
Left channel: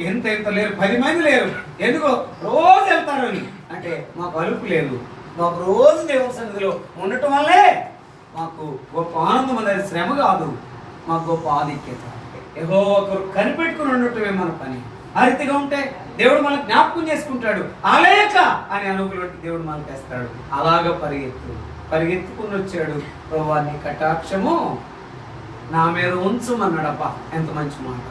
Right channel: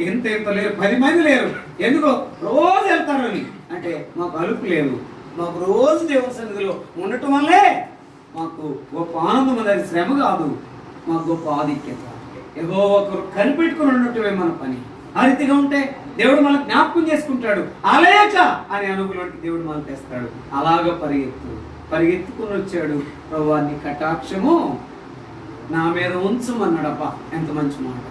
ఇంత లేరు, 10 మంది లేరు. ఎందుకో రోజు వెళ్తారు అని అంటే మాకు అలుపు లేదు. మాకు రోజు దేవుని సన్నిధిలో ఉండటం వల్లే మాకు గొప్ప ఆనందం అనేది, శ్రమ కాదు, మాకు గొప్ప ఆధిక్యత. యెహోవా కొరకు కనిపెట్టుకుని ఉండటమే మన పని. ఆ రీతిగా ఉంటే దేవుడు మనకు జ్ఞాపకం చేసుకుంటాడు. అలేక అనే అనుగులోకి దేవుడు మనకు తెస్తాడు. అలాగా పరిగెత్తుకుని వచ్చాడు. ప్రభువా నీ కటాక్షము నా మీద ఉంచుమన్నాడప్ప. ఎంత మంచి మాట.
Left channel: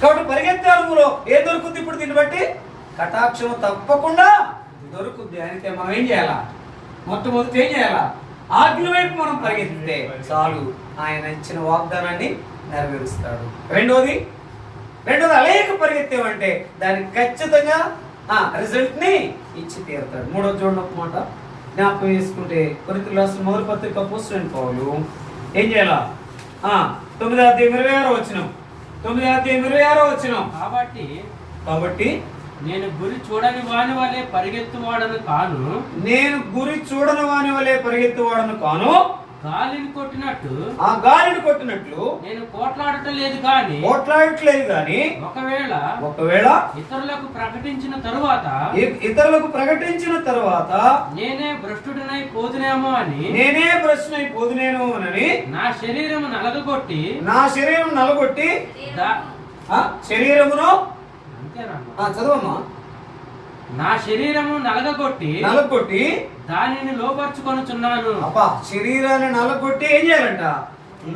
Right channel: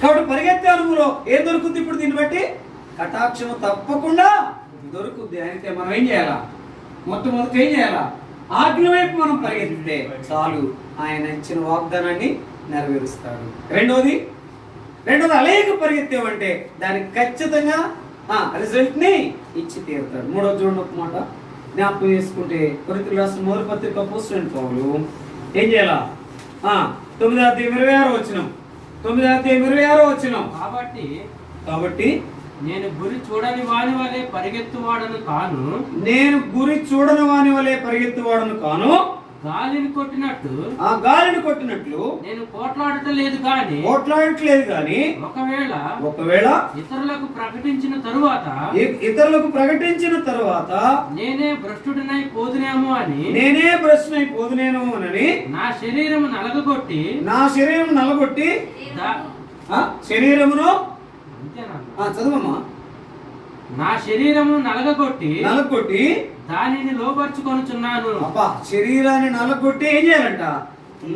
కాబట్టి పరిగెత్తే అనుభవంలో ఏం దొరుకుతుంది? ఇప్పుడు దీన్ని బట్టి కటాక్షము తప్పకుండా దొరుకుద్ది. అయితే మనం ఏం చేయాలా? మొట్టమొదటి ఏం చేయాలా? ఆజ్ఞ వైపు మనం పరిగెత్తితే చాలు, ఆయన ఇచ్చిన వాగ్దానాన్ని నెరవేరుస్తాడు. రెండోది అలేక పరిగెత్తేమంటే దానికి ఖచ్చితంగా రిజల్ట్ ని ఇచ్చి తీరుతాడు. మూడోది చూడండి ఒక మాట జ్ఞాపకం చేసుకుంటే, కొరింథీయులకు రాసిన మొదటి పత్రిక అపోస్తలుడైన పౌలు ఏం చేయాలా? 9:26 9:26 కాబట్టి నేను గురి చూడని వాని వలె పరిగెత్తువాడను కాను, గాలిని కొట్టినట్లు నేను పోట్లాడటం లేదు కానీ ఒకవేళ ఇతరులకు ప్రకటించిన తరువాత నేనే భ్రష్టుడనై పోదునేమో అని నా శరీరం నలగొట్టి శరీరమును చదవమ్మా. నా శరీరము నలగొట్టి దానిని లోబర్చుకొనుచున్నాను. అబ్బా, శరీరాన్ని నలగొట్టి ఏం చేయాలంట?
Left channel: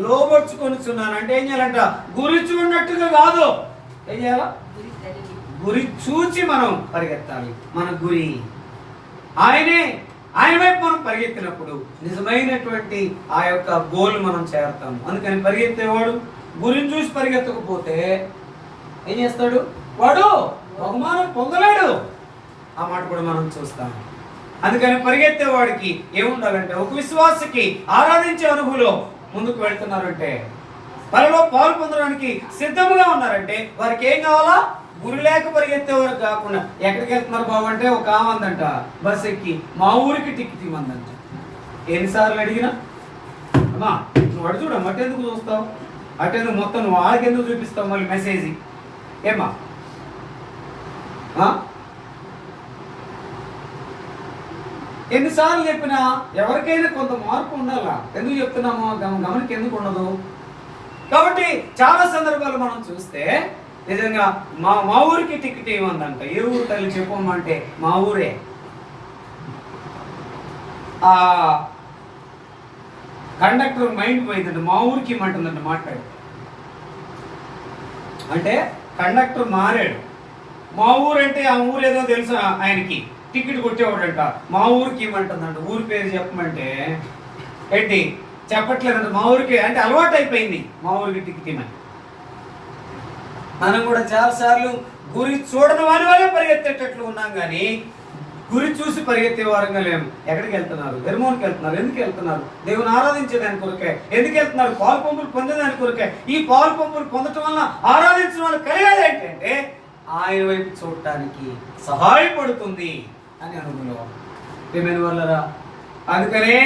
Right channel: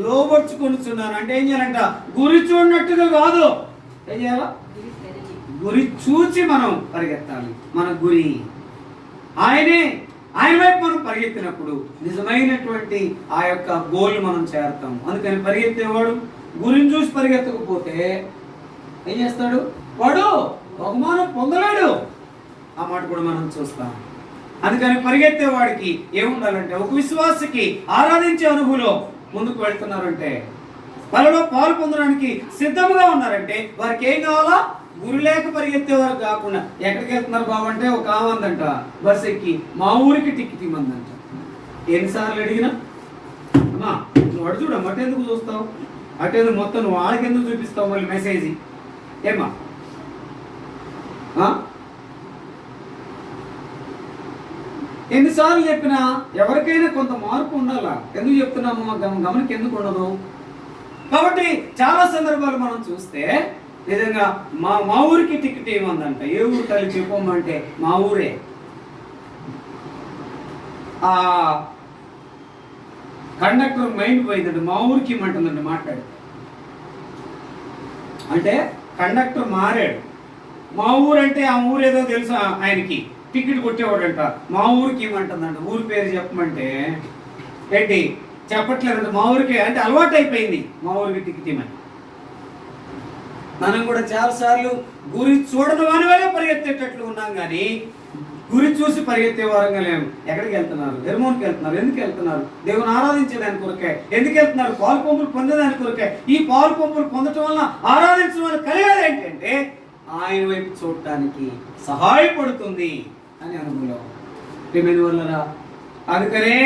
లోబర్చుకొనుచున్నాను అంటే ఏం చేయాలంట? గురి చూడనట్టుగా కాదు, ఏం చేయాలా? గురి చూచి మనం పరిగెత్తాలి. మన గురి ఆయన వైపు మనం పరిగెత్తినప్పుడు నిజమైనటువంటి ఆ యొక్క గోల్ మనం చేరుతాం. అందుకని పరిగెత్తేవాడు గురిని చూసి పరిగెత్తకపోతే ఏం చేస్తాడు? వాడు బహుమానం పొందలేడు. ఆ మాట కూడా మనం చూస్తాం. అందుకని పరిగెత్తేవాడికి ఏముండాలంటే, ఒక విశ్వాసకి ఆరాధించే అనుభవంలో ముందుకు వెళ్తున్నారంటే, వాళ్ళలో పాలు పొందడానికి సిద్ధంగా ఉన్నారంటే వారికి ఏం కావాలా? గురి లేక పరిగెత్తేవారు కాకుండా ఎక్కడికి వెళ్తున్నారు బాబు అంటే, ఒక ఆమందంట బస్ ఎక్కి మా ఊరికి టికెట్ ఇమ్మందంట. ఎన్నిసార్లు అడిగినా అమ్మా నువ్వు అడు చూడమ్మా, అటెందుకు చూస్తావు, అటెందుకు మొత్తం నువ్వు ఆడకెందుకు చూపిస్తావు మళ్ళీ మెసేజ్ ఏమ్మా? ఎన్నిసార్లు చెప్పినా ఎవరికైనా కొంత మార్పు ఉండాలా. ఎందుకు చెప్తున్నామో గమనిక ఎందుకు ఉండదు? కాబట్టి చాలా సందర్భాలు మనం చూస్తే నిజంగా మా ఊరికి టికెట్ ఇవ్వందంట. ఏ ఊరు తల్లి చెప్పమంటే మా ఊరే. ఆ కండక్టర్ మైండ్ పోయిందంటే మా ఊరికి ఇమ్మంటుందంటే మాట్లాడు అంటే కండక్టర్ మారాడు. మా ఊరు అంటే ఆ ఊరు ఏదో తెలుసు ఆయనకి, టికెట్ కొట్టేవాడంట. మా ఊరికి ఇమ్మంటుందంట. ఊరి పేరు చెప్పమంటే ఏంటి చెప్పట్లేదంట. మా ఊరికి అంటే అలవాటు అయిపోయింది మా ఊరికి టికెట్ ఇమ్మని. మనం కూడా చాలాసార్లు గురి చూడని వారి వల్లే పరిగెత్తేటట్లు ఉన్నాం కానీ గురి చూసి పరిగెత్తే వారంగా లేము. ఎక్కడికి వెళ్తున్నారు? ఎర్మోన్కి వెళ్తున్నారు. ఎందుకు వెళ్తున్నారు? దేవుని ఆరాధించేదాని కొరకే. ఎందుకు వెళ్తున్నారు? పాలు పంపులు పొందేదాని కొరకే. ఈ పాలు పంపులు పొందటం వల్ల ఆరాధించడం వల్ల కలిగేది ఏంటంటే ఆయన వైపు చూడటానికి సహాయపడుతుంది అని అనుభవం. ప్రియమైన వాళ్ళరా, అందుకనే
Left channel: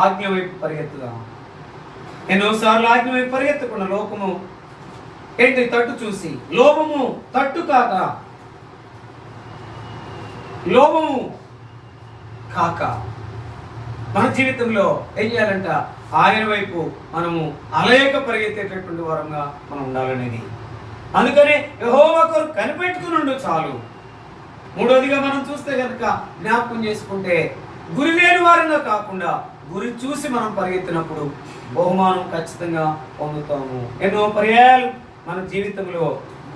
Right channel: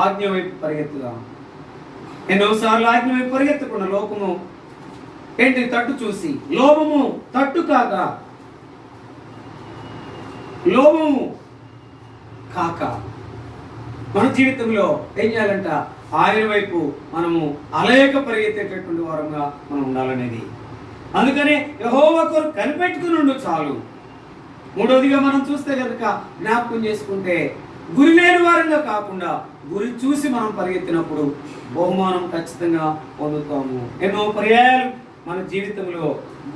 ఆజ్ఞ వైపు పరిగెత్తుదాం. ఎన్నోసార్లు ఆజ్ఞ వైపు పరిగెత్తకుండా లోకము ఏంటి తట్టు చూసి, లోభము తట్టు కాక, లోభము కాక మన జీవితంలో ఏం చేయాలంట? ఆయన వైపు మనము అలయక పరిగెత్తేటటువంటి వారంగా మనం ఉండాలనేది. అందుకని యెహోవా కొరకు కనిపెట్టుకుని ఉండు చాలు. మూడోదిగా మనం చూస్తే కనుక జ్ఞాపకం చేసుకుంటే గురి లేని వారంగా కాకుండా గురి చూసి మనం పరిగెత్తినప్పుడు బహుమానం ఖచ్చితంగా పొందుతాము. ఎన్నో పర్యాయాలు మన జీవితంలో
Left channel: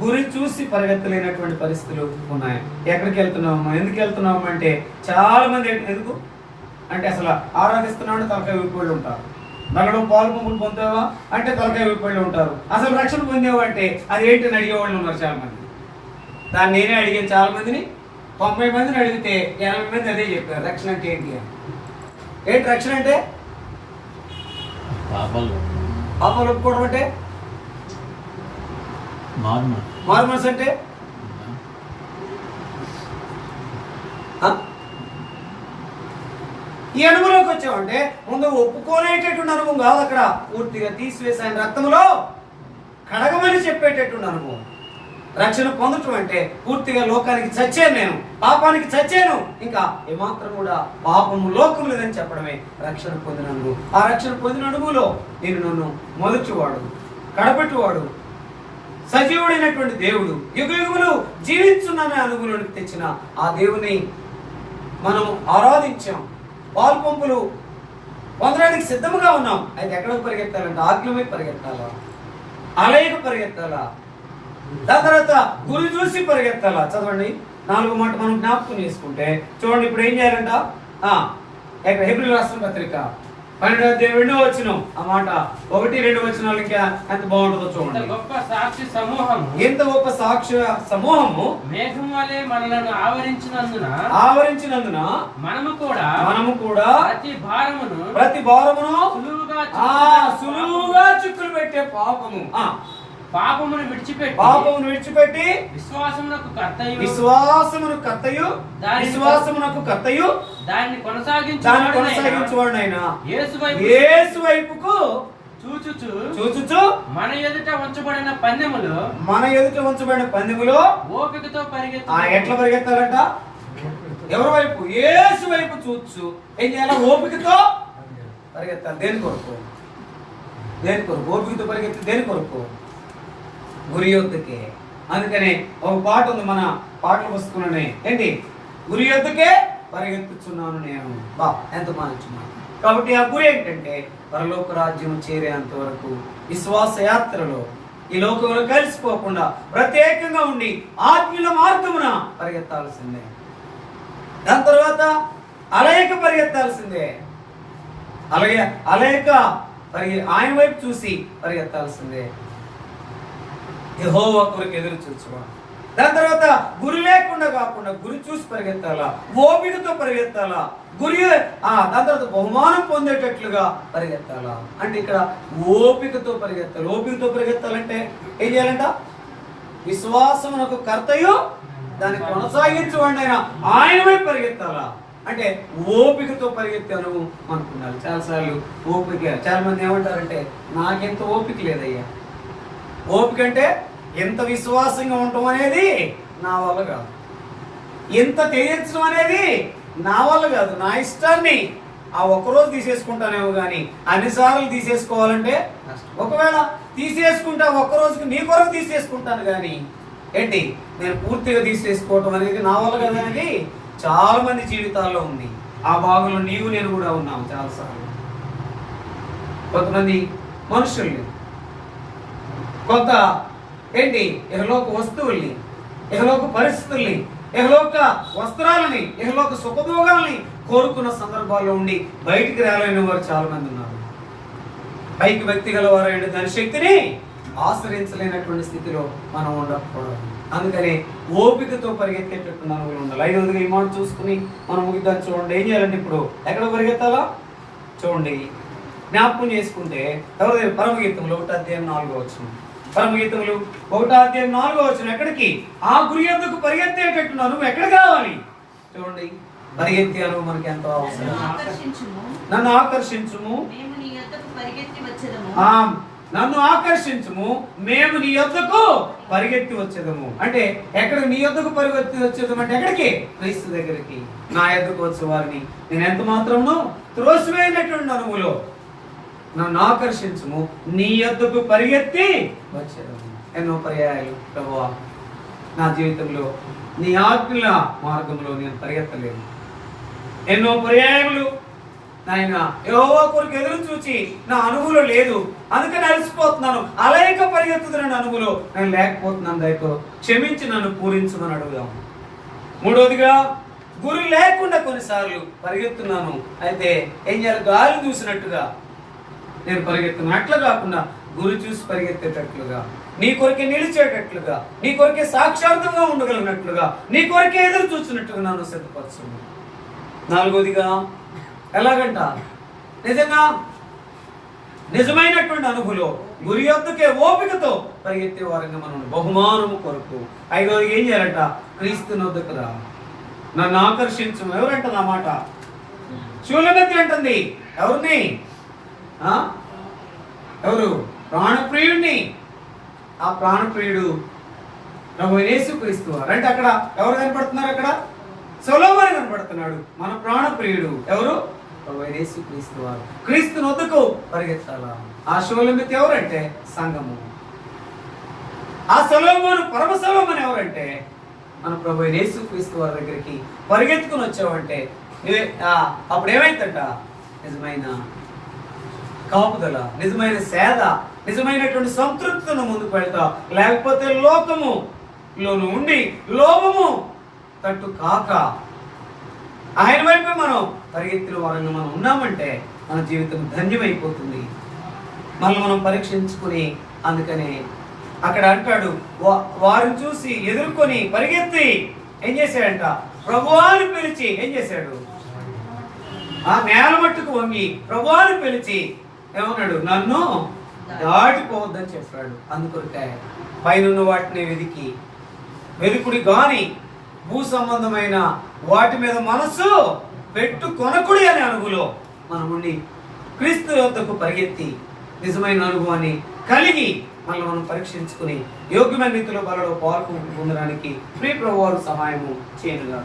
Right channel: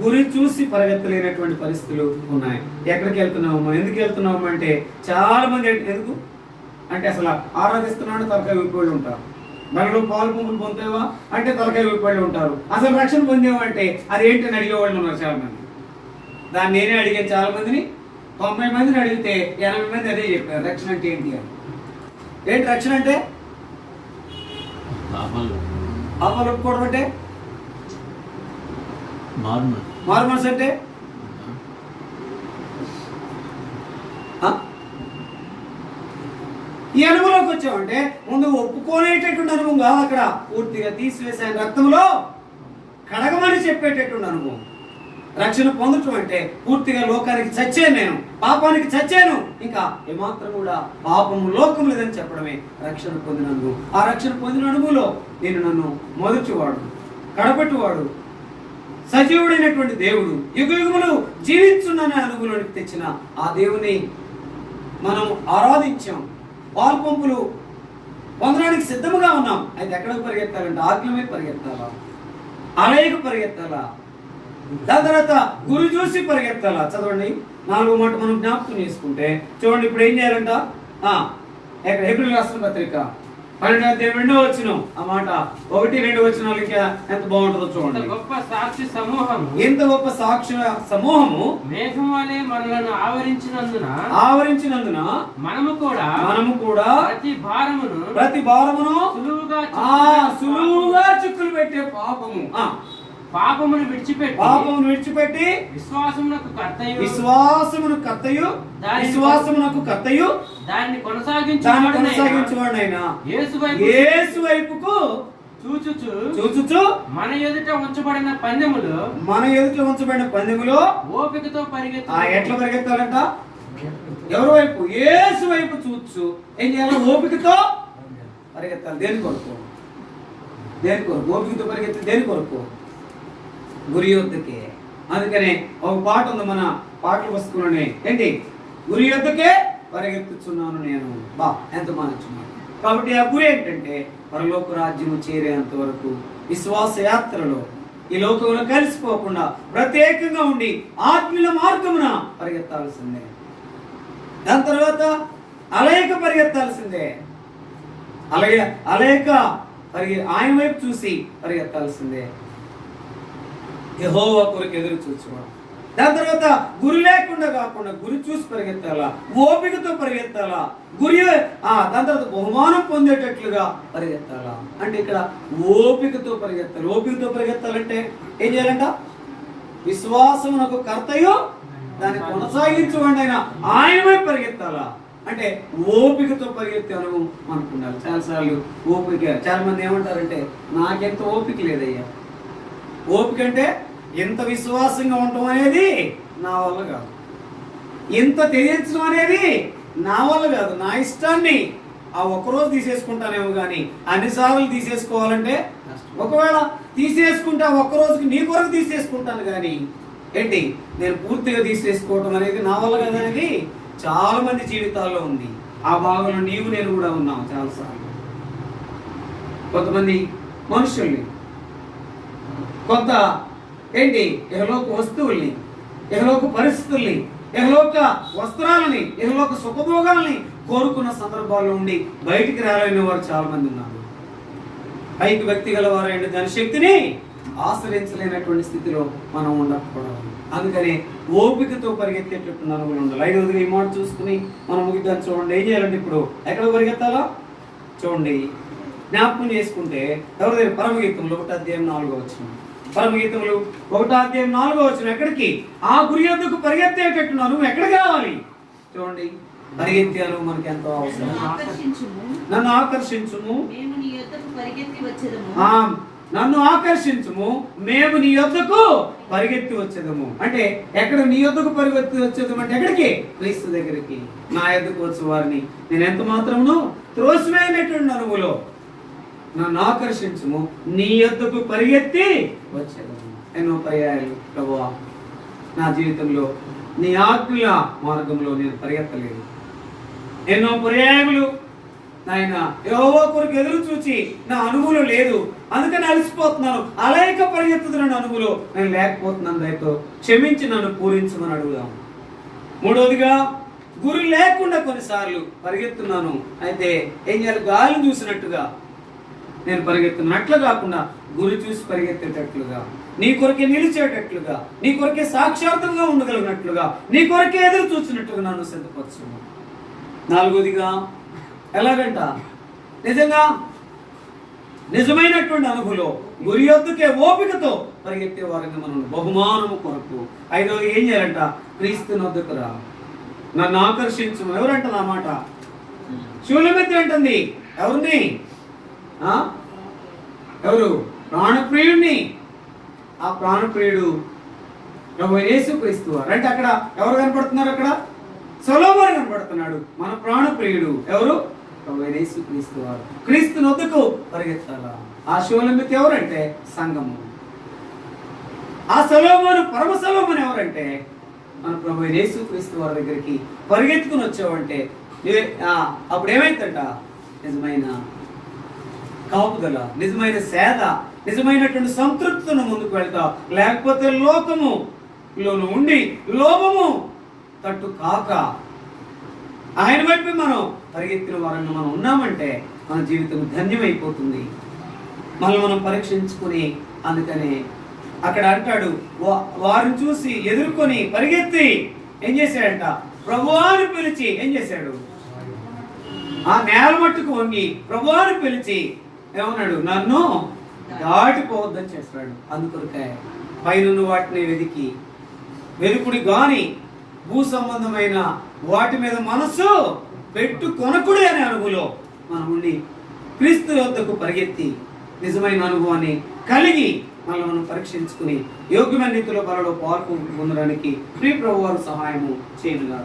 గురి చూసి పరిగెత్తలేనటువంటి పరిస్థితులు ఉన్నాయి. ఎక్కడికి వెళ్తున్నాము, ఎందుకు వెళ్తున్నాము అంటే చాలా మంది ఎందుకు అంటే అసలు ఆరాధిస్తున్నాడు తలకాయ ఊపిళ్ళు ఉంటారు. దానిలో పాలు పొంగులు పొందుతావా అంటే తలకాయ ఊపిళ్ళు ఉంటారు. అసలు రక్షణ పొందేవా అంటే అది ఏంటని అడిగేవాళ్ళు ఉన్నారు చాలా మంది. దాన్ని నేనే అడిగాను చాలా మందిని. 90 మందిని అడిగితే 80 మంది అదే చెప్పారు రక్షణ అంటే ఏంటి అని. ఏంటి రక్షణ అంటే? పాపాలు ఒప్పుకోవడం అంటే, మారు మనసు అంటే ఈ అనుభవంలోకి వచ్చామంటే ముందు ఒప్పుకోనేటటువంటి అనుభవం కాదు, అక్కడ పూర్తిగా తీసివేసి ఆయన రక్తంలో కడగమని చెప్పేటటువంటి అనుభవం. రక్షణ పొందటం అంటే పూర్తిగా లోకానికి చచ్చాను, నేను పాపానికి చచ్చాను, ఇంకా ఏమాత్రం కూడా పాపము లోకం లేదని చెప్పడమే రక్షణ పొందిన అనుభవం. ఆ రక్షణ పొందిన అనుభవంలో నేను నన్ను మొదటివాడు, కడపటివాడు, సజీవుడైనటువంటి దేవుడు, యుగయుగములు జీవించున్న అనుభవంలోకి తెచ్చిన ఆ దేవుని మనం ఆరాధించాం. పాలు పంపులు పొందడానికి సిద్ధముగా ఉన్నాం. అయితే ఎక్కడికి పరిగెత్తాలంటే ఆజ్ఞమై పరిగెత్తాలా, అలయకు పరిగెత్తాలా, దాని తర్వాత గురి చూసి పరిగెత్తాలా. చదవండి 4వ మాట మనం జ్ఞాపకం చేసుకుంటే చూడండి. ఇప్పుడు ఏం చేయాలంట? హెబ్రీయుల రాసిన పత్రిక 12వ అధ్యాయం 2వ వచనం. ఆ మాట 1, 2 వచనాలకి ఎంత బాగుంటుందో చూడండి. ఇంత గొప్ప సాక్షి సమూహము, ఎంత గొప్ప సాక్షి సమూహము మేఘం వలె మనలను ఆవరించినందున మనము కూడా ప్రతి భారమును సులువుగా చిక్కులు పెట్టే పాపమును విడిచిపెట్టి విశ్వాసమునకు కర్తయు దాన్ని కొనసాగించువాడైన యేసు వైపుకు చూచుచు మన ఎదుట ఉంచబడిన పందెములో ఓపికతో ఎట్లా పరిగెత్తాలంట? ఎవరి వైపు? యేసు వైపు చూచు ఏం చేయాలి? ఓపికతో పరిగెత్తాలి. దేని కొరకు? ఓపికతో పరిగెత్తి దేని కొరకు? గురి యొద్దకే. అందుకనే ఒక పాట ఉంది మన పాటల పుస్తకంలోనే, ఏంటి? గురి యొద్దకే పరిగెత్తుచున్నాను నేను. ఎంత మానుచున్నాను. కాబట్టి ఆ గురి ఏంటంటే పరలోక రాజ్యం చేరేంత వరకు విశ్వాస యాత్రలో ఈ లోకంలో కలిసిపోకుండా ప్రత్యేకంగా ఉండి ఆత్మీయ మార్గమున పరిగెత్తాల్సిందే. దాని తర్వాత అలయక పరిగెత్తాల్సిందే. అలయక ఆయన వైపు చూసి పరిగెత్తాల్సిందే. యెహోవా కొరకు ఎదురు చూచువాడు. దాని తర్వాత గురి లేకుండా కాకుండా గురి చూసి పరిగెత్తాలా, ఓపికతో పరిగెత్తాలా, దాని తర్వాత బహుమానం పొందేటట్లుగా పరిగెత్తాలా. అంటే ఇక్కడ ఓపికతో పరిగెత్తాలి. ఓపికతో పరిగెత్తాలంటే ఏం చేయాలంట? విశ్వాసమునకు కర్తయు దాన్ని కొనసాగించండి ఆయన వైపు పరిగెత్తాలా. అంటే ఓపికతో పరిగెత్తే అనుభవం మనకు ఉండాలి. చాలాసార్లు ఓపిక, చాలా మంది ఏమంటారంటే నాకెంత ఓపిక లేదయ్యా. ఓపిక అంటే ఎంత విశ్వాసంగా ఉండటం అనేది నా వల్ల కాదు, ఎంత తెలియచడం అనేది నా వల్ల కాదు, నా ఇష్టాన్ని ఆ ఒక్కరోజు తీసేసుకుంటానేమో కానీ అన్నిసార్లు తీసేసుకోవాలంటే ఒకవేళ తీసుకుంటే ఒక్కరోజుకి నీ కొరకు తీసేసుకుంటాను కానీ ఏంటి నేను పూర్తిగా తీసేసుకోవటం అనేది నా వల్ల కదా అనేది చాలా మంది జీవితాల్లో ఉంది. ఆ భాగంలో నీవు నేను కూడా ఉన్నాం చాలాసార్లు. కొంతమంది మనుషుల్ని, కొంత ఏంటి ఇహలోక వస్తువుల్ని, ఇహలోక పరిస్థితుల్ని, ఇహలోక వస్త్రాలని, ఇహలోక సుఖభోగాల్ని కోరుకున్న సందర్భాల్లో ఉండి బయటికి రాలేని వారు చాలా మంది ఉన్నారు. పైకి వ్యక్తి గల వారైన దాని శక్తిని ఆశ్రయించలేనటువంటి స్థితిలో మనం ఉండకపోవడం. అందుకని ఓపికతో పరిగెత్తేటట్టు అనుభవం ఉండాలి. 5వదిగా ఈ మాట చూసుకుని మనం ముగిద్దాం. చూడండి ఏం చేయాలంటే ఇప్పుడు ఎక్కడ పరిగెత్తాలా చూడండి. జ్ఞాపకం చేసుకుంటే ఎవరి పరమగీతంలో 1వ అధ్యాయం 4వ వచనం. పరమగీతములు 1వ అధ్యాయం 4వ వచనం. ఎక్కడికి? ఆ గురి యొద్దకు పరిగెత్తేటట్టు అనుభవం ఎక్కడికి రావాలి చూడండి. పరిగెత్తే అనుభవం మనకి ఎంతో అవసరం. నన్ను ఆకర్షించుము, నన్ను ఆకర్షించుము, మేము నీ యొద్దకు పరిగెత్తి వచ్చేదము. అంటే ఎక్కడ నీ యొద్దకు పరిగెత్తి వచ్చేదము అంటే ఎక్కడికి? క్రీస్తు దగ్గరికి. నా యొద్దకు వచ్చే వారిని నేను ఎంత మాత్రమును త్రోసివేయనటువంటి అనువులో నన్ను ఆకర్షించుము, నీ యొద్దకు పరిగెత్తి వచ్చేదము. ఎన్నో పర్యాయాలు ప్రభువా నా జీవితంలో నీ ఆజ్ఞల మార్గంలో నేను పరిగెత్తలేదు. ఎన్నో పర్యాయములు నాయన యెహోవా కొరకు ఎదురు చూచి నా అనుగులో లేదు, అందుకని అలసిపోతున్నాను, అలయక పరిగెత్తుతున్నాను, అనుగులో నేను లేకపోతున్నాను, దయతో క్షమించి నన్ను పూరించమని అడుగుదాం. మూడవదిగా గురి లేకుండా కొన్నిసార్లు పరిగెత్తున్నాను. అయితే ఏం చేయాలి? గాలి చూసినట్టుగా నేను పరిగెత్తున్నాను. అట్లా కాకుండా గురి చూసి పరిగెత్తేటట్లుగా, నీ కొరకే నిలిచేటట్లుగా, నీ కొరకే సాక్షాత్తుగా ఉండగలిగినట్లుగా, నీ కొరకే ఎదురు చూసినట్టుగా నన్ను సిద్ధపరచు. నాలుగోదిగా ఎలాగంట? నిజంగా నిజమైనటువంటి అనుభూలో గురి యొద్దకే ఓపికతో పరిగెత్తే వారంగా మనం బహుమానము కొరకు. ఐదోది ఏం చేయాలంట? క్రీస్తు నొద్దకు రా, నన్ను ఆకర్షించు. ఎవరంట నా మాట? శూలమిత్రి అంటుంది. ఎవరిని? ఎవరు? ప్రాణప్రియుడిని. ఆ ప్రాణప్రియుడు ప్రభువైన యేసుక్రీస్తు వారు. అంటే అక్కడ ఎవరు కనపడుతున్నారు? అక్కడ సొలొమోను కనపడుతున్నాడు. మన ప్రాణప్రియుడు ఎవరు? ప్రభువైన యేసుక్రీస్తు వారు. క్రీస్తు నొద్దకు పరిగెత్తాలా. ఆ శూలమిత్రి ఎవరంటే సంఘము. ఆ సొలొమోను, పరమ సొలొమోను ఎవరంటే మన ప్రభువైన యేసుక్రీస్తు వారి దగ్గరికి పరిగెత్తుకుని వచ్చావంటే అప్పుడు ఏమైందంట? నిజమైన కాపుదల, నిజమైన సేద, నిజమైనటువంటి సంతృప్తితో ముందుకు వెళ్తా. లేకపోతే లోకములోను ఉండి లోభము తట్టు కాక ఆయన వైపు మనం పరిగెత్తిన వారంలో మనం ఉన్నామంటే మన జీవితం ధన్యమైపోతుంది. మనం పరీక్షించుకుని, అందుకని అక్కడ అంటాడు, వారిని చూసి ఎదుర్కొని పరిగెత్తి ఏం చేశాడంట? ప్రభువాని పిలిచి ఏం చేశాడు? ఆ నేల మట్టుకు వంగి ప్రభువాని పిలిచి ఏమన్నాడు? నన్ను దాటిపోవద్దని చెప్పాడు. అందుకొరకే పైనున్న వాటిని వెలుకుడి గాని భూ సంబంధమైన వాటి మీద మనసు పెట్టు కొనకుడి అనే అనుభవంలో మనం ఉండి క్రీస్తు యొద్దకు పరిగెత్తి నిజమైన అనుభవాన్ని కలిగి మనం పరీక్షించుకుని యోగ్యమైన రీతిలో బలలో పాల్గొనడానికి ప్రియ ప్రభువారు సహాయము చేయనుగా.